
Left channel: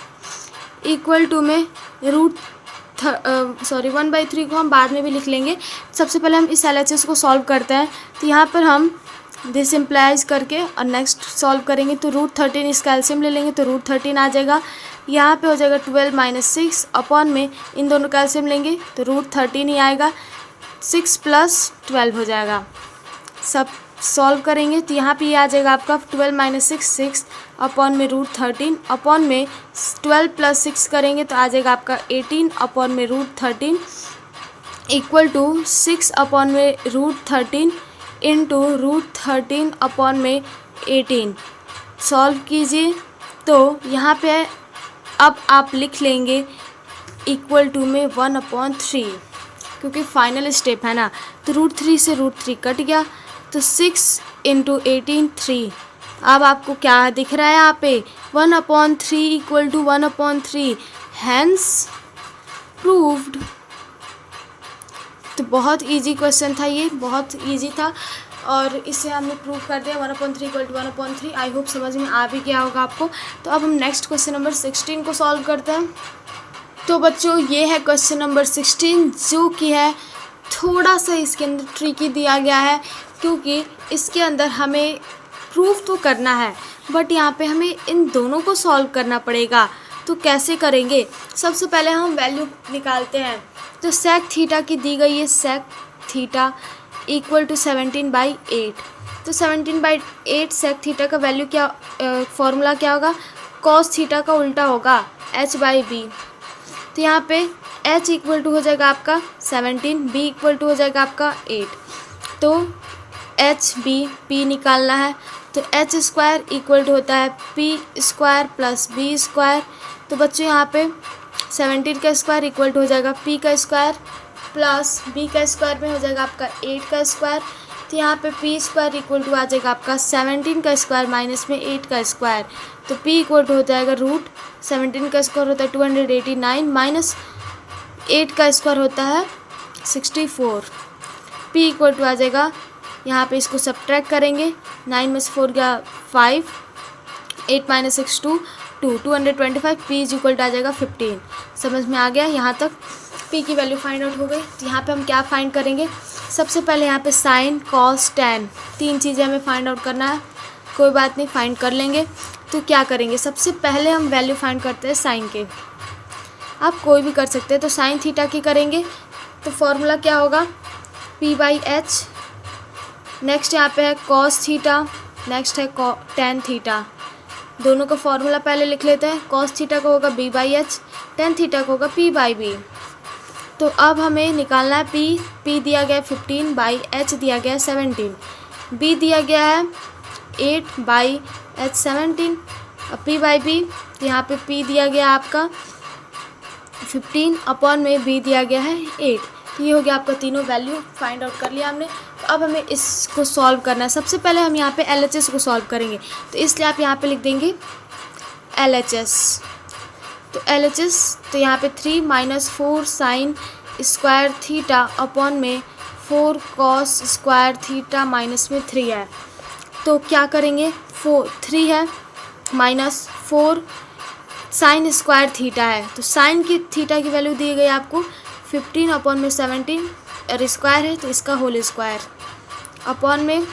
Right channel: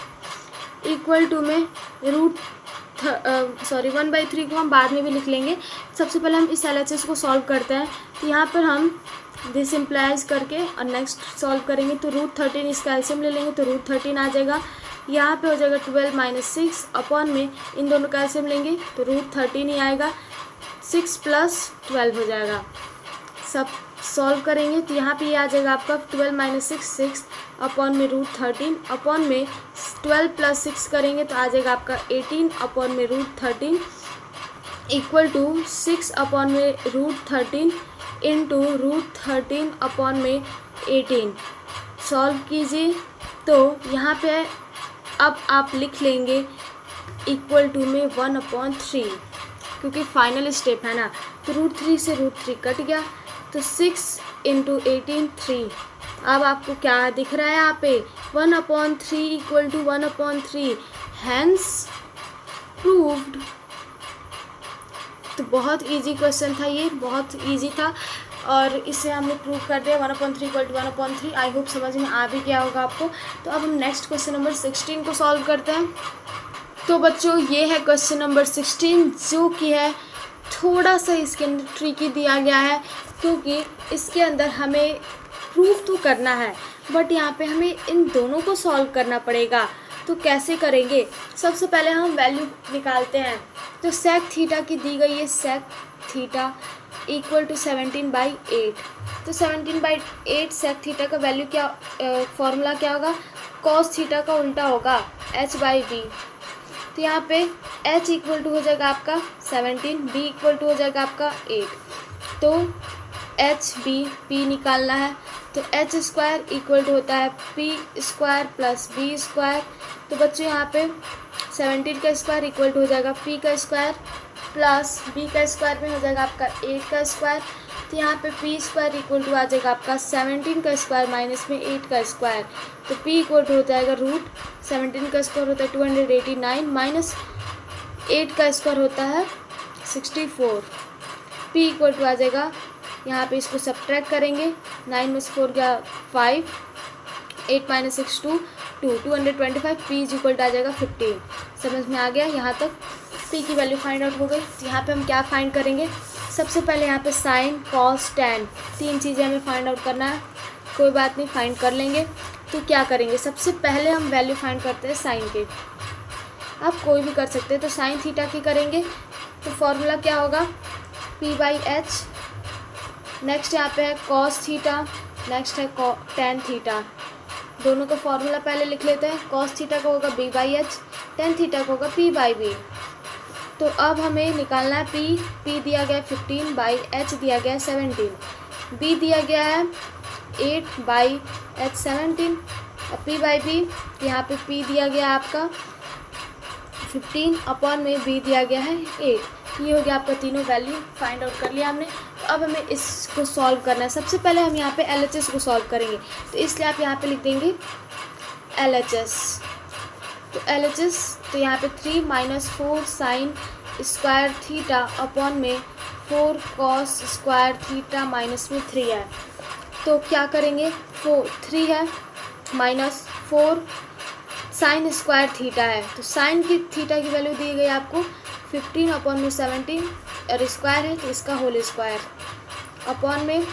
इक्वल टू में 1/3 को हम बाद में भी लिख लेंगे। सबसे पहले हम इस LHS को सॉल्व करते हैं। तो यहाँ पर हम दिस इम्प्लाइज करके और नेक्स्ट सॉल्व करेंगे। तो √13 इसका एलसीएम ले लेंगे तो √13 आ जाएगा, यहाँ पे हो जाएगा 12 - 6 अपॉन में इन दोनों का एलसीएम लेंगे तो √13 ही आएगा, 6 + 12 हो जाएगा। सब सॉल्व करेंगे तो यहाँ पे ये आ जाएगा आपका 12 - 6 6 अपॉन में √13 अपॉन में 12 + 6 करेंगे तो आ जाएगा आपका 18 अपॉन में √13 इक्वल टू 6 अपॉन में √13 इंटू √13 अपॉन में 18। सॉल्व कीजिए तो यहाँ पे अब आप लिख लेंगे इक्वल टू में 1/3, क्योंकि फाइनल स्टेप है ना। तो √3 से √3 कट गया तो 6 × 18 3। अब आपको क्या दिख रहा है यहाँ पे 1/3 इक्वल टू 1/3, हैंस प्रूव्ड। तो बहुत इजी क्वेश्चन था, ये बहुत इजी था और इसे हमने प्रूव कर दिया 1/3 इक्वल टू 1/3। आई होप समझ में आ भी गया होगा आपको। तो अब हम नेक्स्ट क्वेश्चन नंबर 16 को सॉल्व करते हैं। तो बच्चों ये है क्वेश्चन नंबर 16, जो कि है थोड़ा सा इसके अंदर ट्रिकी दिया गया है, क्योंकि इसके अंदर हमें प्रूफ तो करना है बट यहाँ पे हमें इन दोनों को सॉल्व करना पड़ेगा। तो कैसे करेंगे, सबसे पहले हम वैल्यू निकालते हैं। तो सेक थीटा की दी गई है, सेक थीटा इक्वल टू 17/8। तो 17/8 सेक थीटा का वैल्यू क्या, फॉर्मूला क्या होगा, कॉस थीटा का उल्टा होगा h/b। तो यहाँ पे h इक्वल टू हो जाएगा आपका 17, b इक्वल टू हो जाएगा आपका 8। तो p निकालना है तो h स्क्वायर इक्वल टू होता है p square plus b square. तो बच्चों यहाँ पे 17 का स्क्वायर इक्वल टू हो जाएगा p का स्क्वायर प्लस b का स्क्वायर में हो जाएगा आपका 8 का स्क्वायर। तो यहाँ पे p स्क्वायर इक्वल टू आ जाएगा आपका 17 का स्क्वायर माइनस में 8 का स्क्वायर। तो p इक्वल टू हो जाएगा √17 का स्क्वायर होता है 289 माइनस 8 का स्क्वायर होता है 64। p इक्वल टू आ जाएगा, यहाँ पे इसको सब्ट्रैक्ट करेंगे, 9 में से 4 गया 5, 8 - 6 2 225, p इज इक्वल टू आ जाएगा 15। समझ में आ गया यहाँ तक। p की वैल्यू फाइंड आउट हो गई। तो यहाँ पे हम क्या फाइंड करेंगे, सबसे पहले यहाँ पे साइन कॉस टैन, 3 चीज़ें हमें फाइंड आउट करना है। कोई बात नहीं, फाइंड कर लेंगे। तो क्या करेंगे, सबसे पहले हम वैल्यू फाइंड करते हैं साइन के। आप कोई भी कर सकते हैं। तो साइन थीटा की करेंगे तो फॉर्मूला क्या होगा p/h। नेक्स्ट यहाँ पे है कॉस थीटा, नेक्स्ट है टैन थीटा। दोनों का फॉर्मूला पहले लिख लेते हैं। कॉस थीटा को होगा b/h, टैन थीटा को होगा p/b। तो अब हमें निकालना है p दिया गया है 15/h दिया गया है 17, b दिया गया है 8/17 P बाई बी, तो यहाँ पे P दिया गया आपका 15 अपॉन में B दिया गया है 8। ये हो गया आपका तीनों वैल्यू फाइंड आउट कर लिया हमने। तो अब हमें इसको सॉल्व करना है। सबसे पहले हम यहाँ पे LHS को सॉल्व करेंगे, तो इसलिए आप यहाँ पे लिख देंगे LHS। तो LHS, तो यहाँ पे 3 - 4 sin स्क्वायर थीटा अपॉन में 4 cos स्क्वायर थीटा माइनस में 3 है। तो क्या करेंगे, 3 है माइनस 4 साइन स्क्वायर थीटा है, तो साइन की थीटा की वैल्यू दी गई आपको 15 अपॉन में 17 और स्क्वायर है तो इसका होल स्क्वायर अपॉन में।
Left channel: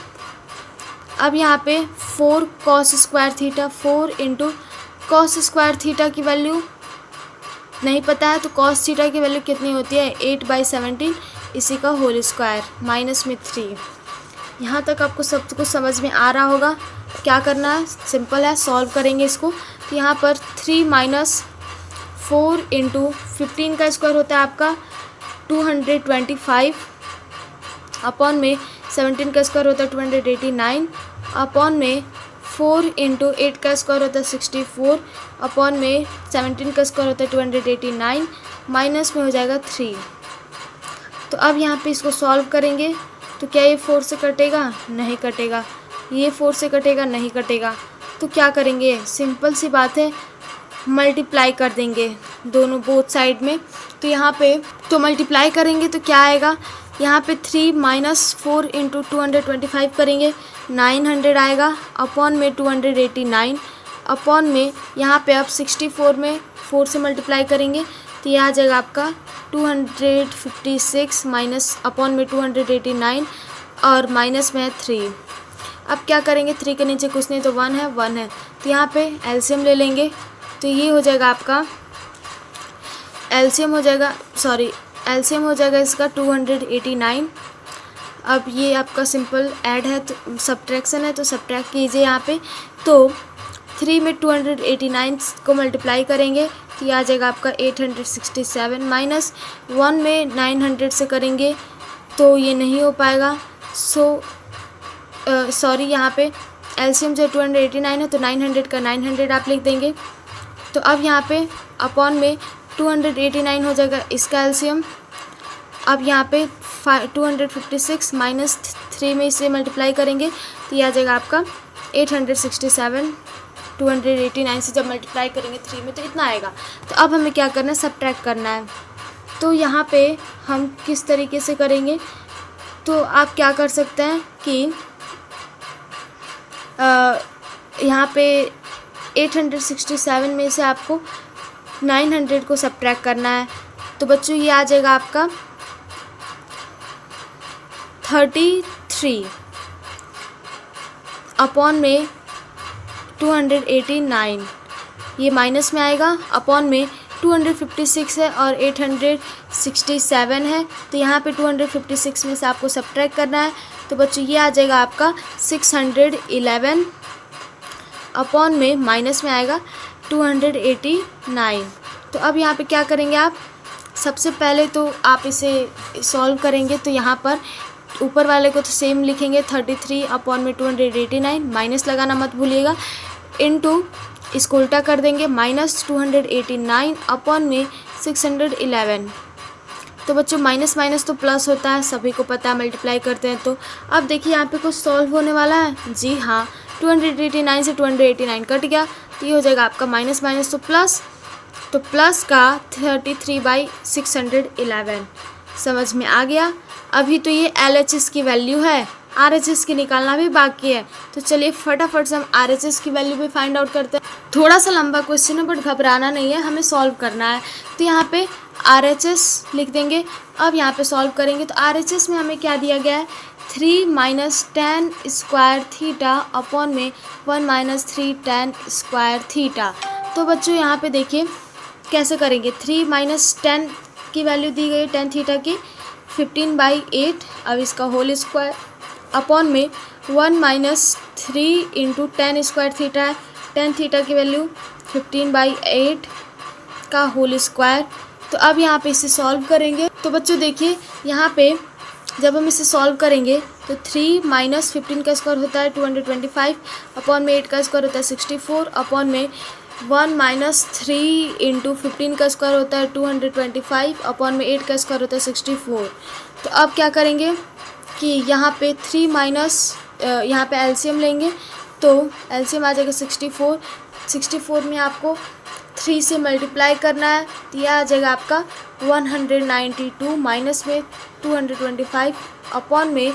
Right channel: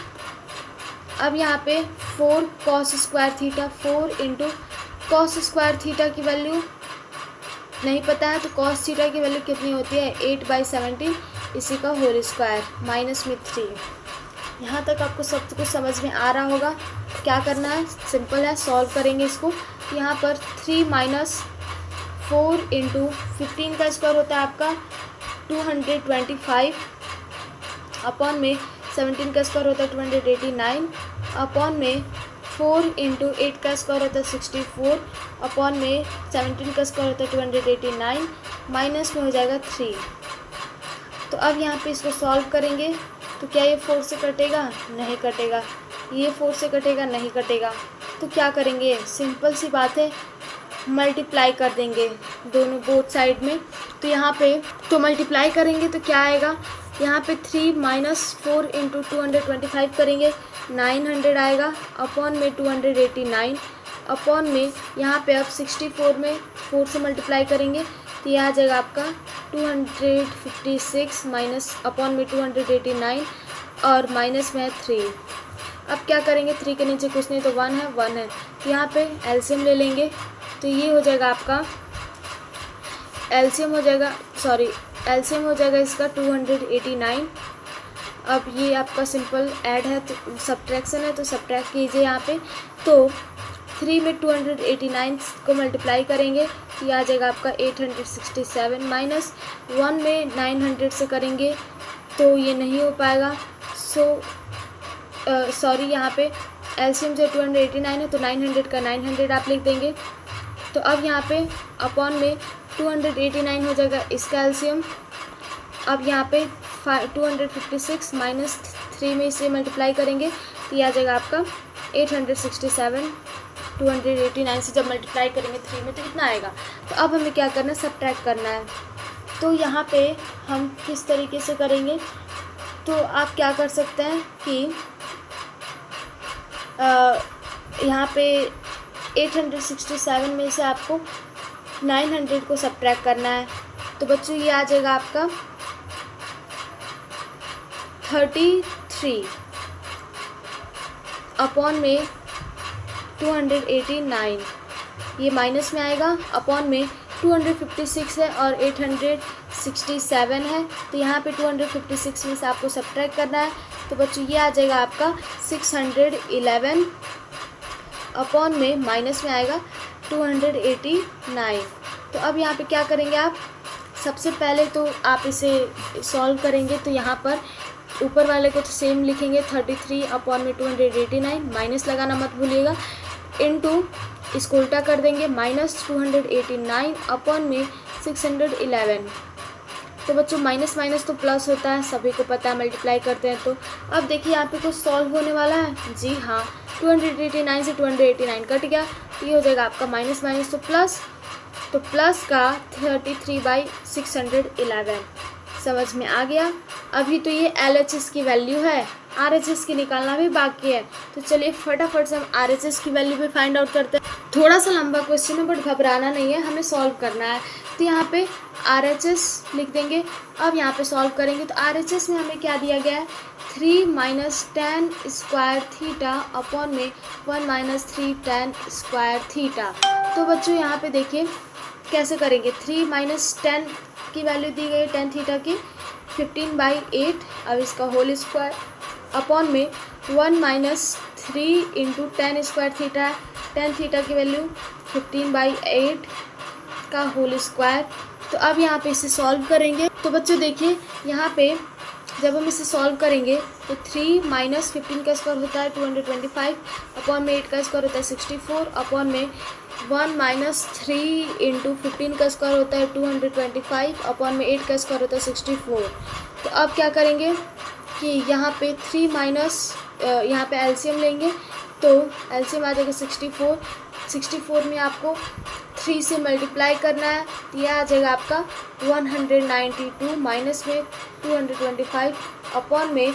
अब यहाँ पे 4 cos square theta, 4 into cos square theta की वैल्यू नहीं पता है, तो cos थीटा की वैल्यू कितनी होती है 8/17, इसी का होल स्क्वायर माइनस में 3। यहाँ तक आपको सब कुछ समझ में आ रहा होगा। क्या करना है, सिंपल है, सॉल्व करेंगे इसको। तो यहाँ पर 3 - 4 इंटू 15 का स्क्वायर होता है आपका 225 अपॉन में 17 का स्क्वायर होता है 289 अपॉन में 4 इंटू 8 का स्क्वायर होता है 64 अपॉन में 17 का स्क्वायर होता है 289 माइनस में हो जाएगा 3। तो अब यहाँ पे इसको सॉल्व करेंगे तो क्या ये 4 से कटेगा, नहीं कटेगा, ये 4 से कटेगा, नहीं कटेगा। तो क्या करेंगे, सिंपल सी बात है, मल्टीप्लाई कर देंगे दोनों बोथ साइड में। तो यहाँ पे तो मल्टीप्लाई करेंगे तो क्या आएगा, यहाँ पे 3 - 4 इंटू 225 करेंगे 900 आएगा अपॉन में 289 अपॉन में यहाँ पे अब 64 में 4 से मल्टीप्लाई करेंगे तो ये आ जाएगा आपका 256 माइनस अपॉन में 289 और माइनस में है 3। अब क्या करेंगे, 3 के नीचे कुछ नहीं तो 1 है, 1 है, तो यहाँ पे एलसीएम ले लेंगे। तो ये हो जाएगा आपका एलसीएम हो जाएगा इसका 289। अब ये आपका सिंपल ऐड है तो सब्ट्रैक्शन है, तो सब्ट्रैक्ट कीजिए यहाँ पे। तो 3 में 289 को मल्टीप्लाई करेंगे तो ये आ जाएगा आपका 867 माइनस 1 में 900 से करेंगे तो ये नहीं हो पाएगा। सॉरी यहाँ पे एलसीएम जो 289 है तो 900 का 900 आप लिख देंगे। तो अब यहाँ पे अपॉन में 289 हो जाएगा इसका एलसीएम। अब यहाँ पे 256 माइनस 3 में इसे मल्टीप्लाई करेंगे तो ये आ जाएगा आपका 867। 289 से जब मल्टीप्लाई करेंगे 3 में तो इतना आएगा। तो अब हमें क्या करना है, सब्ट्रैक्ट करना है। तो यहाँ पे हम किस तरीके से करेंगे, तो आप क्या कर सकते हैं कि यहाँ पे 867 में से आपको 900 को सब्ट्रैक्ट करना है। तो बच्चों ये आ जाएगा आपका 33 अपॉन में 289, ये माइनस में आएगा अपॉन में 256 है और 867 है, तो यहाँ पे 256 में से आपको सब्ट्रैक्ट करना है। तो बच्चों ये आ जाएगा आपका 611 अपॉन में माइनस में आएगा 289। तो अब यहाँ पे क्या करेंगे आप, सबसे पहले तो आप इसे सॉल्व करेंगे तो यहाँ पर ऊपर वाले को तो सेम लिखेंगे 33 अपॉन में 289, माइनस लगाना मत भूलिएगा, इनटू इसको उल्टा कर देंगे माइनस 289 अपॉन में 611। तो बच्चों माइनस माइनस तो प्लस होता है, सभी को पता है, मल्टीप्लाई करते हैं। तो अब देखिए यहाँ पे कुछ सॉल्व होने वाला है, जी हाँ, 289 से 289 कट गया तो ये हो जाएगा आपका माइनस माइनस तो प्लस, तो प्लस का 33/611 समझ में आ गया। अभी तो ये LHS की वैल्यू है, RHS की निकालना भी बाकी है। तो चलिए फटाफट से हम RHS की वैल्यू भी फाइंड आउट करते हैं। थोड़ा सा लंबा क्वेश्चन है बट घबराना नहीं है, हमें सॉल्व करना है। तो यहाँ पे RHS लिख देंगे। अब यहाँ पे सॉल्व करेंगे तो RHS में हमें क्या दिया गया है, 3 - 10 स्क्वायर थीटा अपॉन में 1 - 3 tan स्क्वायर थीटा। तो बच्चों यहाँ पे देखिए कैसे करेंगे, 3 - 10 की वैल्यू दी गई 10 थीटा की 15/8, अब इसका होल स्क्वायर अपॉन में 1 - 3 इंटू 10 स्क्वायर थीटा है, 10 थीटा की वैल्यू 15/8 का होल स्क्वायर। तो अब यहाँ पे इसे सॉल्व करेंगे। तो बच्चों देखिए यहाँ पे जब हम इसे सॉल्व करेंगे तो 3 माइनस 15 का स्क्वायर होता है 225, अपॉन में 8 का स्क्वायर होता है 64, अपॉन में 1 माइनस 3 इंटू 15 का स्क्वायर होता है 225, अपॉन में 8 का स्क्वायर होता है 64। तो अब क्या करेंगे कि यहाँ पे 3 माइनस यहाँ पे एलसीएम लेंगे, तो एलसीएम आ जाएगा 64। 64 में आपको 3 से मल्टीप्लाई करना है, तो यह आ जाएगा आपका 192 माइनस में 225, अपॉन में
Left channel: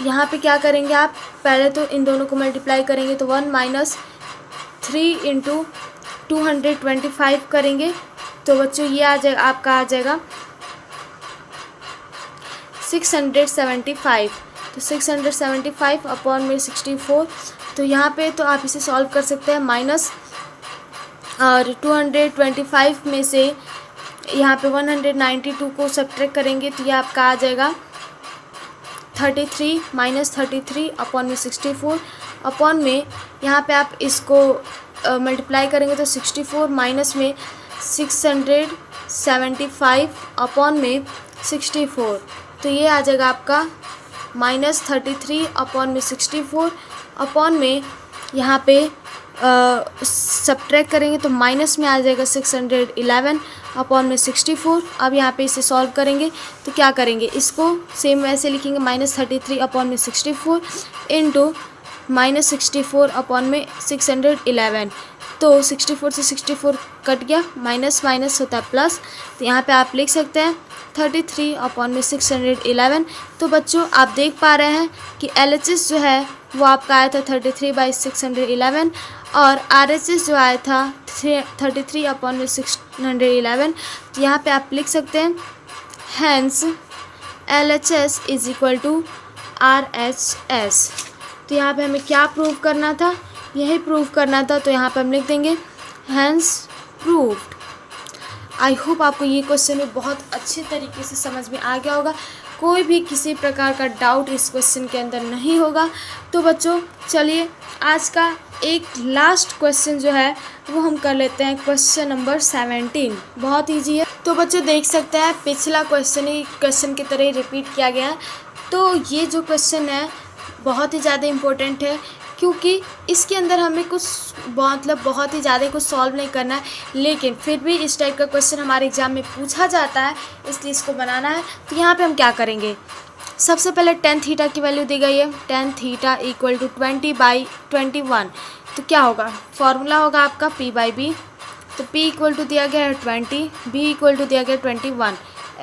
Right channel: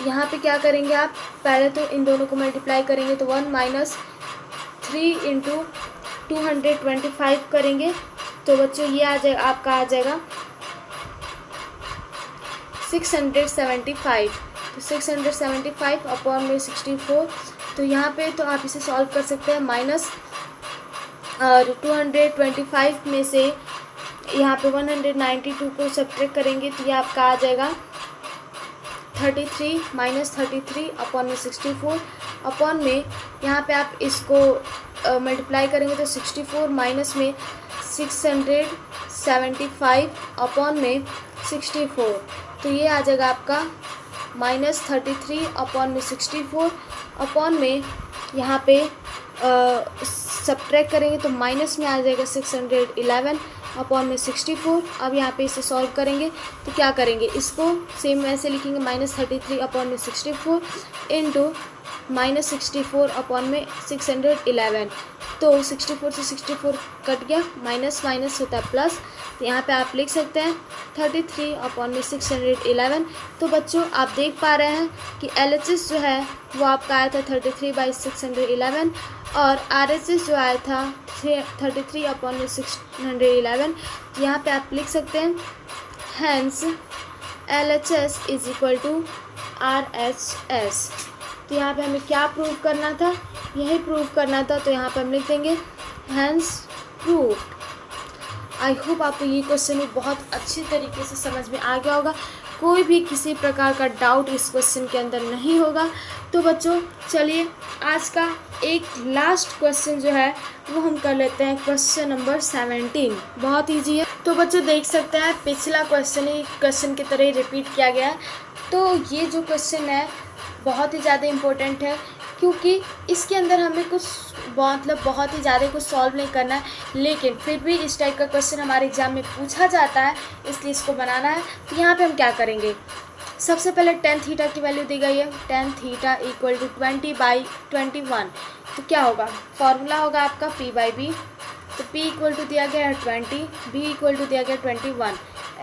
यहाँ पे क्या करेंगे आप, पहले तो इन दोनों को मल्टीप्लाई करेंगे तो 1 माइनस 3 इंटू 225 करेंगे, तो बच्चों ये आ जाएगा आपका आ जाएगा 675। तो 675 अपॉन में 64, तो यहाँ पे तो आप इसे सॉल्व कर सकते हैं माइनस, और 225 में से यहाँ पे 192 को सब्ट्रैक्ट करेंगे तो ये आपका आ जाएगा 33 माइनस 33 अपॉन में 64, अपॉन में यहाँ पे आप इसको मल्टीप्लाई करेंगे तो 64 माइनस में 675 अपॉन में 64, तो ये आ जाएगा आपका माइनस 33 अपॉन में 64, अपॉन में यहाँ पे सब्ट्रैक्ट करेंगे तो माइनस में आ जाएगा 611 अपॉन में 64। अब यहाँ पे इसे सॉल्व करेंगे तो क्या करेंगे, इसको सेम वैसे लिखेंगे माइनस 33 अपॉन में 64 इंटू माइनस 64 अपॉन में 611, तो 64 से 64 कट गया, माइनस माइनस होता है प्लस, तो यहाँ पे आप लिख सकते हैं 33 अपॉन में 611। तो बच्चों आप देख पा रहे हैं कि LHS जो है वो आपका आया था 33/611, और RHS जो आया था 33 अपॉन में 611। तो यहाँ पे आप लिख सकते हैं hence LHS is equal to RHS। तो यहाँ पे हमें क्या प्रूव करना था, यही प्रूव करना था, तो यहाँ पे हम लिख देंगे हैंस प्रूव्ड। आई होप आपको ये क्वेश्चन भी बहुत अच्छी तरीके से समझ में आ गया होगा, कोई भी किसी प्रकार का डाउट इस क्वेश्चन के अंदर नहीं होगा। तो बच्चों चलिए आज का एक लास्ट क्वेश्चन जो है वो हम कर लेते हैं, क्वेश्चन नंबर 17। बहुत ईजी है। तो बच्चों देख सकते हैं पिछला क्वेश्चन ही क्वेश्चन की तरह रिपीट किया गया है। तो ये जो क्वेश्चन है बहुत ही ज़्यादा इम्पोर्टेंट है, क्योंकि इसके अंदर हमें कुछ मतलब बहुत ही ज़्यादा कुछ सॉल्व नहीं करना है, लेकिन फिर भी इस टाइप का क्वेश्चन हमारे एग्जाम में पूछा जाता है, इसलिए इसको बनाना है। तो यहाँ पे हम क्या करेंगे, सबसे पहले tan थीटा की वैल्यू दी गई है, tan थीटा इक्वल टू 20/21। तो क्या होगा, फॉर्मूला होगा आपका P/B। तो P इक्वल टू दिया गया है 20, B इक्वल टू दिया गया 21,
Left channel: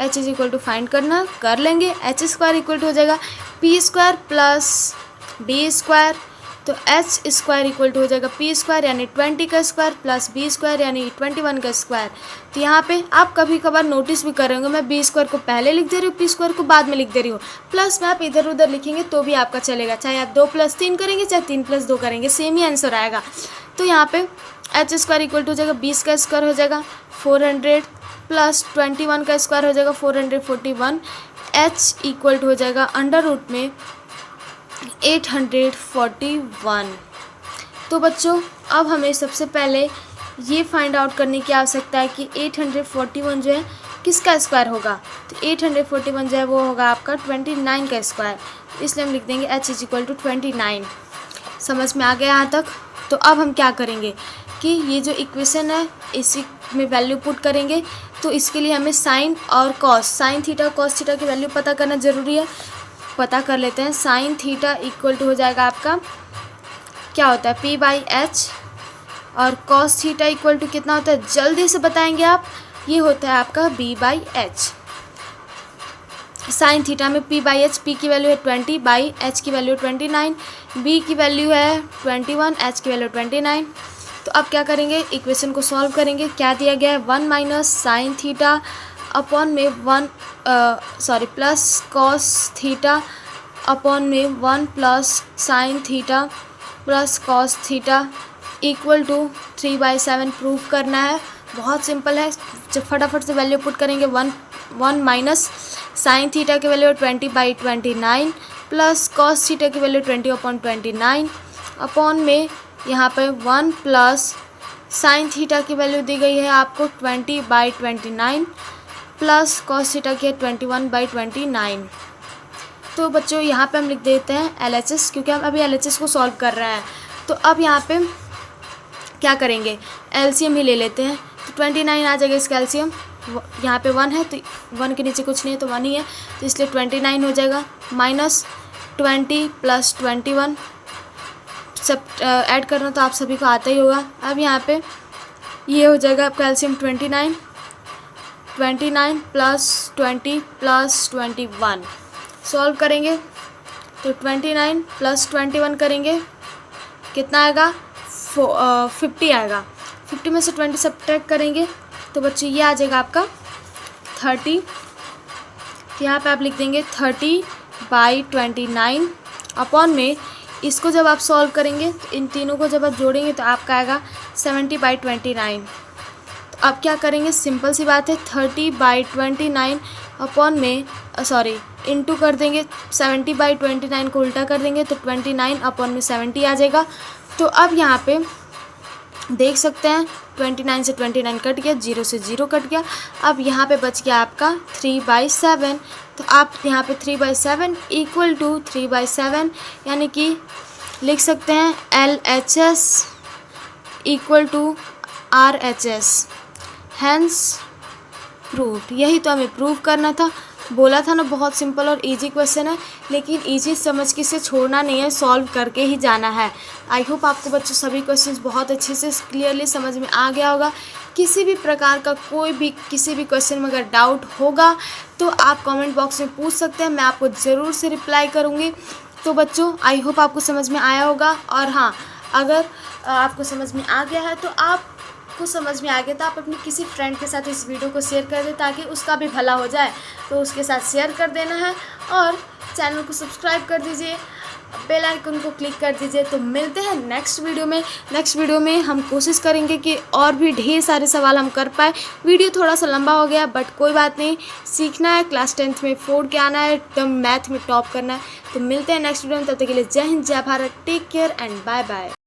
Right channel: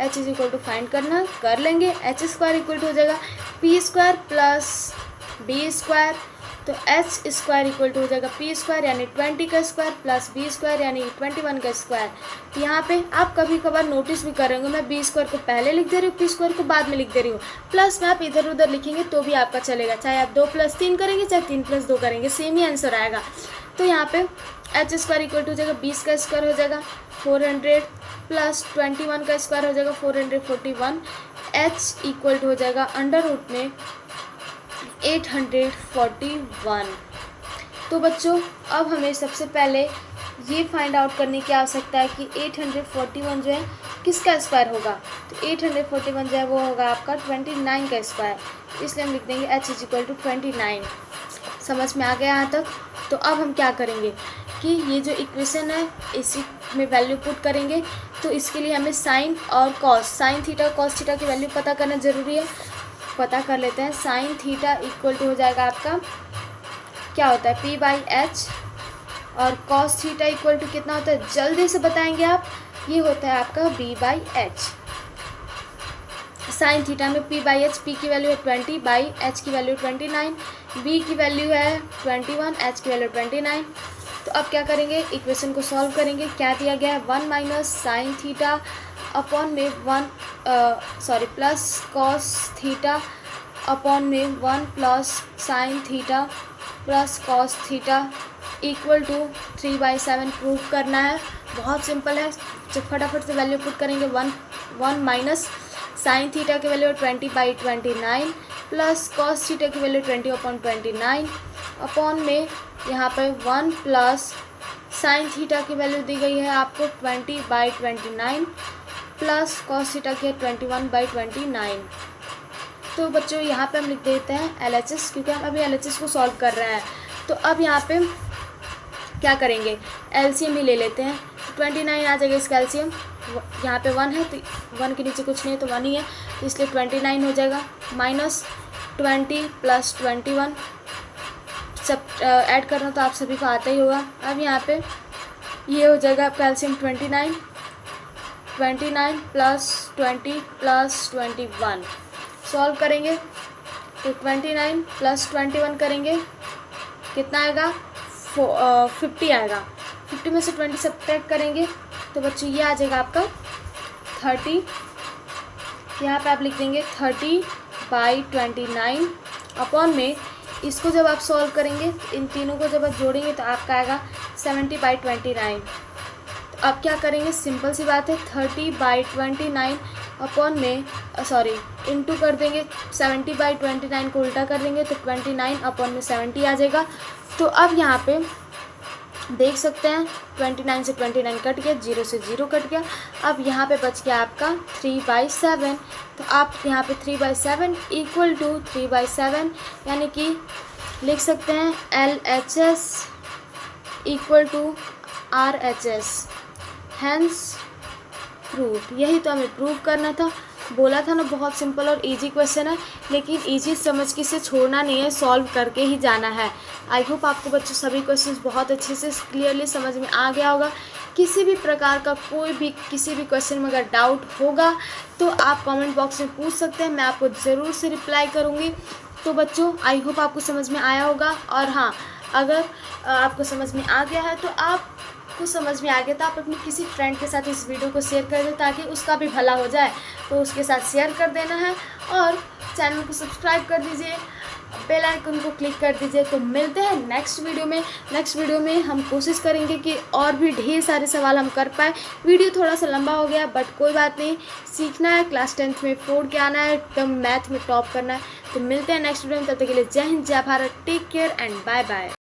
H is equal to find करना कर लेंगे। H स्क्वायर इक्वल टू हो जाएगा P square plus B square, तो H स्क्वायर इक्वल टू हो जाएगा P स्क्वायर यानी 20 का स्क्वायर प्लस B स्क्वायर यानी 21 का स्क्वायर। तो यहाँ पे आप कभी कभार नोटिस भी करेंगे, मैं B स्क्वायर को पहले लिख दे रही हूँ, P स्क्वायर को बाद में लिख दे रही हूँ, प्लस में आप इधर उधर लिखेंगे तो भी आपका चलेगा, चाहे आप 2 + 3 करेंगे चाहे 3 + 2 करेंगे, सेम ही आंसर आएगा। तो यहाँ पे H स्क्वायर इक्वल टू हो जाएगा 20 का स्क्वायर हो जाएगा 400 प्लस 21 का स्क्वायर हो जाएगा 441, H इक्वल टू हो जाएगा अंडर रूट में 841। तो बच्चों अब हमें सबसे पहले ये फाइंड आउट करने की आवश्यकता है कि 841 जो है किसका स्क्वायर होगा। तो 841 जो है वो होगा आपका 29 का स्क्वायर, इसलिए हम लिख देंगे H इज इक्वल टू 29। समझ में आ गया यहाँ तक। तो अब हम क्या करेंगे कि ये जो इक्वेशन है इसी में वैल्यू पुट करेंगे। तो इसके लिए हमें साइन और cos, sign theta cos theta की वैल्यू पता करना ज़रूरी है, पता कर लेते हैं। साइन थीटा इक्वल टू हो जाएगा आपका क्या होता है P/H, और कॉस थीटा इक्वल टू कितना होता है जल्दी से बताएंगे आप, ये होता है आपका B/H। साइन थीटा में P/H, P की वैल्यू है 20/H की वैल्यू 29, B की वैल्यू है 21, H की वैल्यू 29। तो अब क्या करेंगे, इक्वेशन को सॉल्व करेंगे। क्या दिया गया है 1 माइनस साइन थीटा अपॉन में प्लस कॉस थीटा अपॉन में 1 plus sine theta plus cos theta equal to 3/7 prove करना है। बहुत सिंपल है, जब फटाफट से वैल्यू पुट करेंगे 1 माइनस साइन थीटा की वैल्यू 20/29 प्लस कॉस थीटा की वैल्यू 20/29 अपॉन में यहाँ पे 1 प्लस साइन थीटा की वैल्यू दी गई है आपको 20/29 प्लस कॉस थीटा की है 21/29। तो बच्चों यहाँ पे हम लिख देते हैं LHS, क्योंकि हम अभी LHS को सॉल्व कर रहे हैं। तो अब यहाँ पे क्या करेंगे, LCM ही ले लेते हैं। तो 29 आ जाएगा इसका LCM, यहाँ पे 1 है तो 1 के नीचे कुछ नहीं है तो 1 ही है, तो इसलिए 29 हो जाएगा। माइनस 20 प्लस 21, सब ऐड करना तो आप सभी को आता ही होगा। अब यहाँ पे ये हो जाएगा आपका LCM 29 प्लस 20 प्लस 21। सॉल्व करेंगे तो 29 प्लस 21 करेंगे, कितना आएगा 50 आएगा। 50 में से 20 सब्ट्रैक्ट करेंगे तो बच्चों ये आ जाएगा आपका 30। यहाँ पे आप लिख देंगे 30/29 अपॉन में इसको जब आप सॉल्व करेंगे, इन तीनों को जब आप जोड़ेंगे तो आपका आएगा 70/29। तो आप क्या करेंगे, सिंपल सी बात है, 30/29 अपॉन में इंटू कर देंगे, 70/29 को उल्टा कर देंगे तो 29 अपॉन में 70 आ जाएगा। तो अब यहाँ पे देख सकते हैं 29 से 29 कट गया, 0 से 0 कट गया। अब यहाँ पे बच गया आपका 3/7। तो आप यहाँ पे 3/7 इक्वल टू 3/7 यानी कि लिख सकते हैं LHS equal to RHS, hence proved. यही तो हमें प्रूव करना था। बोला था ना बहुत सिंपल और इजी क्वेश्चन है, लेकिन इजी समझ के इसे छोड़ना नहीं है, सॉल्व करके ही जाना है। आई होप आपको बच्चों सभी क्वेश्चंस बहुत अच्छे से क्लियरली समझ में आ गया होगा। किसी भी प्रकार का कोई भी किसी भी क्वेश्चन में अगर डाउट होगा तो आप कमेंट बॉक्स में पूछ सकते हैं, मैं आपको ज़रूर से रिप्लाई करूँगी। तो बच्चों आई होप आपको समझ में आया होगा। और हाँ, अगर आपको समझ में आ गया है तो आपको समझ में आ गया तो आप अपने किसी फ्रेंड के साथ इस वीडियो को शेयर कर दें ताकि उसका भी भला हो जाए। तो उसके साथ शेयर कर देना है और चैनल को सब्सक्राइब कर दीजिए, बेल आइकन को क्लिक कर दीजिए। तो मिलते हैं नेक्स्ट वीडियो में। नेक्स्ट वीडियो में हम कोशिश करेंगे कि और भी ढेर सारे सवाल हम कर पाए। वीडियो थोड़ा सा लंबा हो गया बट कोई बात नहीं, सीखना है, क्लास 10th में 4 के आना है, एकदम मैथ में टॉप करना है। तो मिलते हैं नेक्स्ट वीडियो में, तब तक के लिए जय हिंद, जय Bharat, take care and bye bye.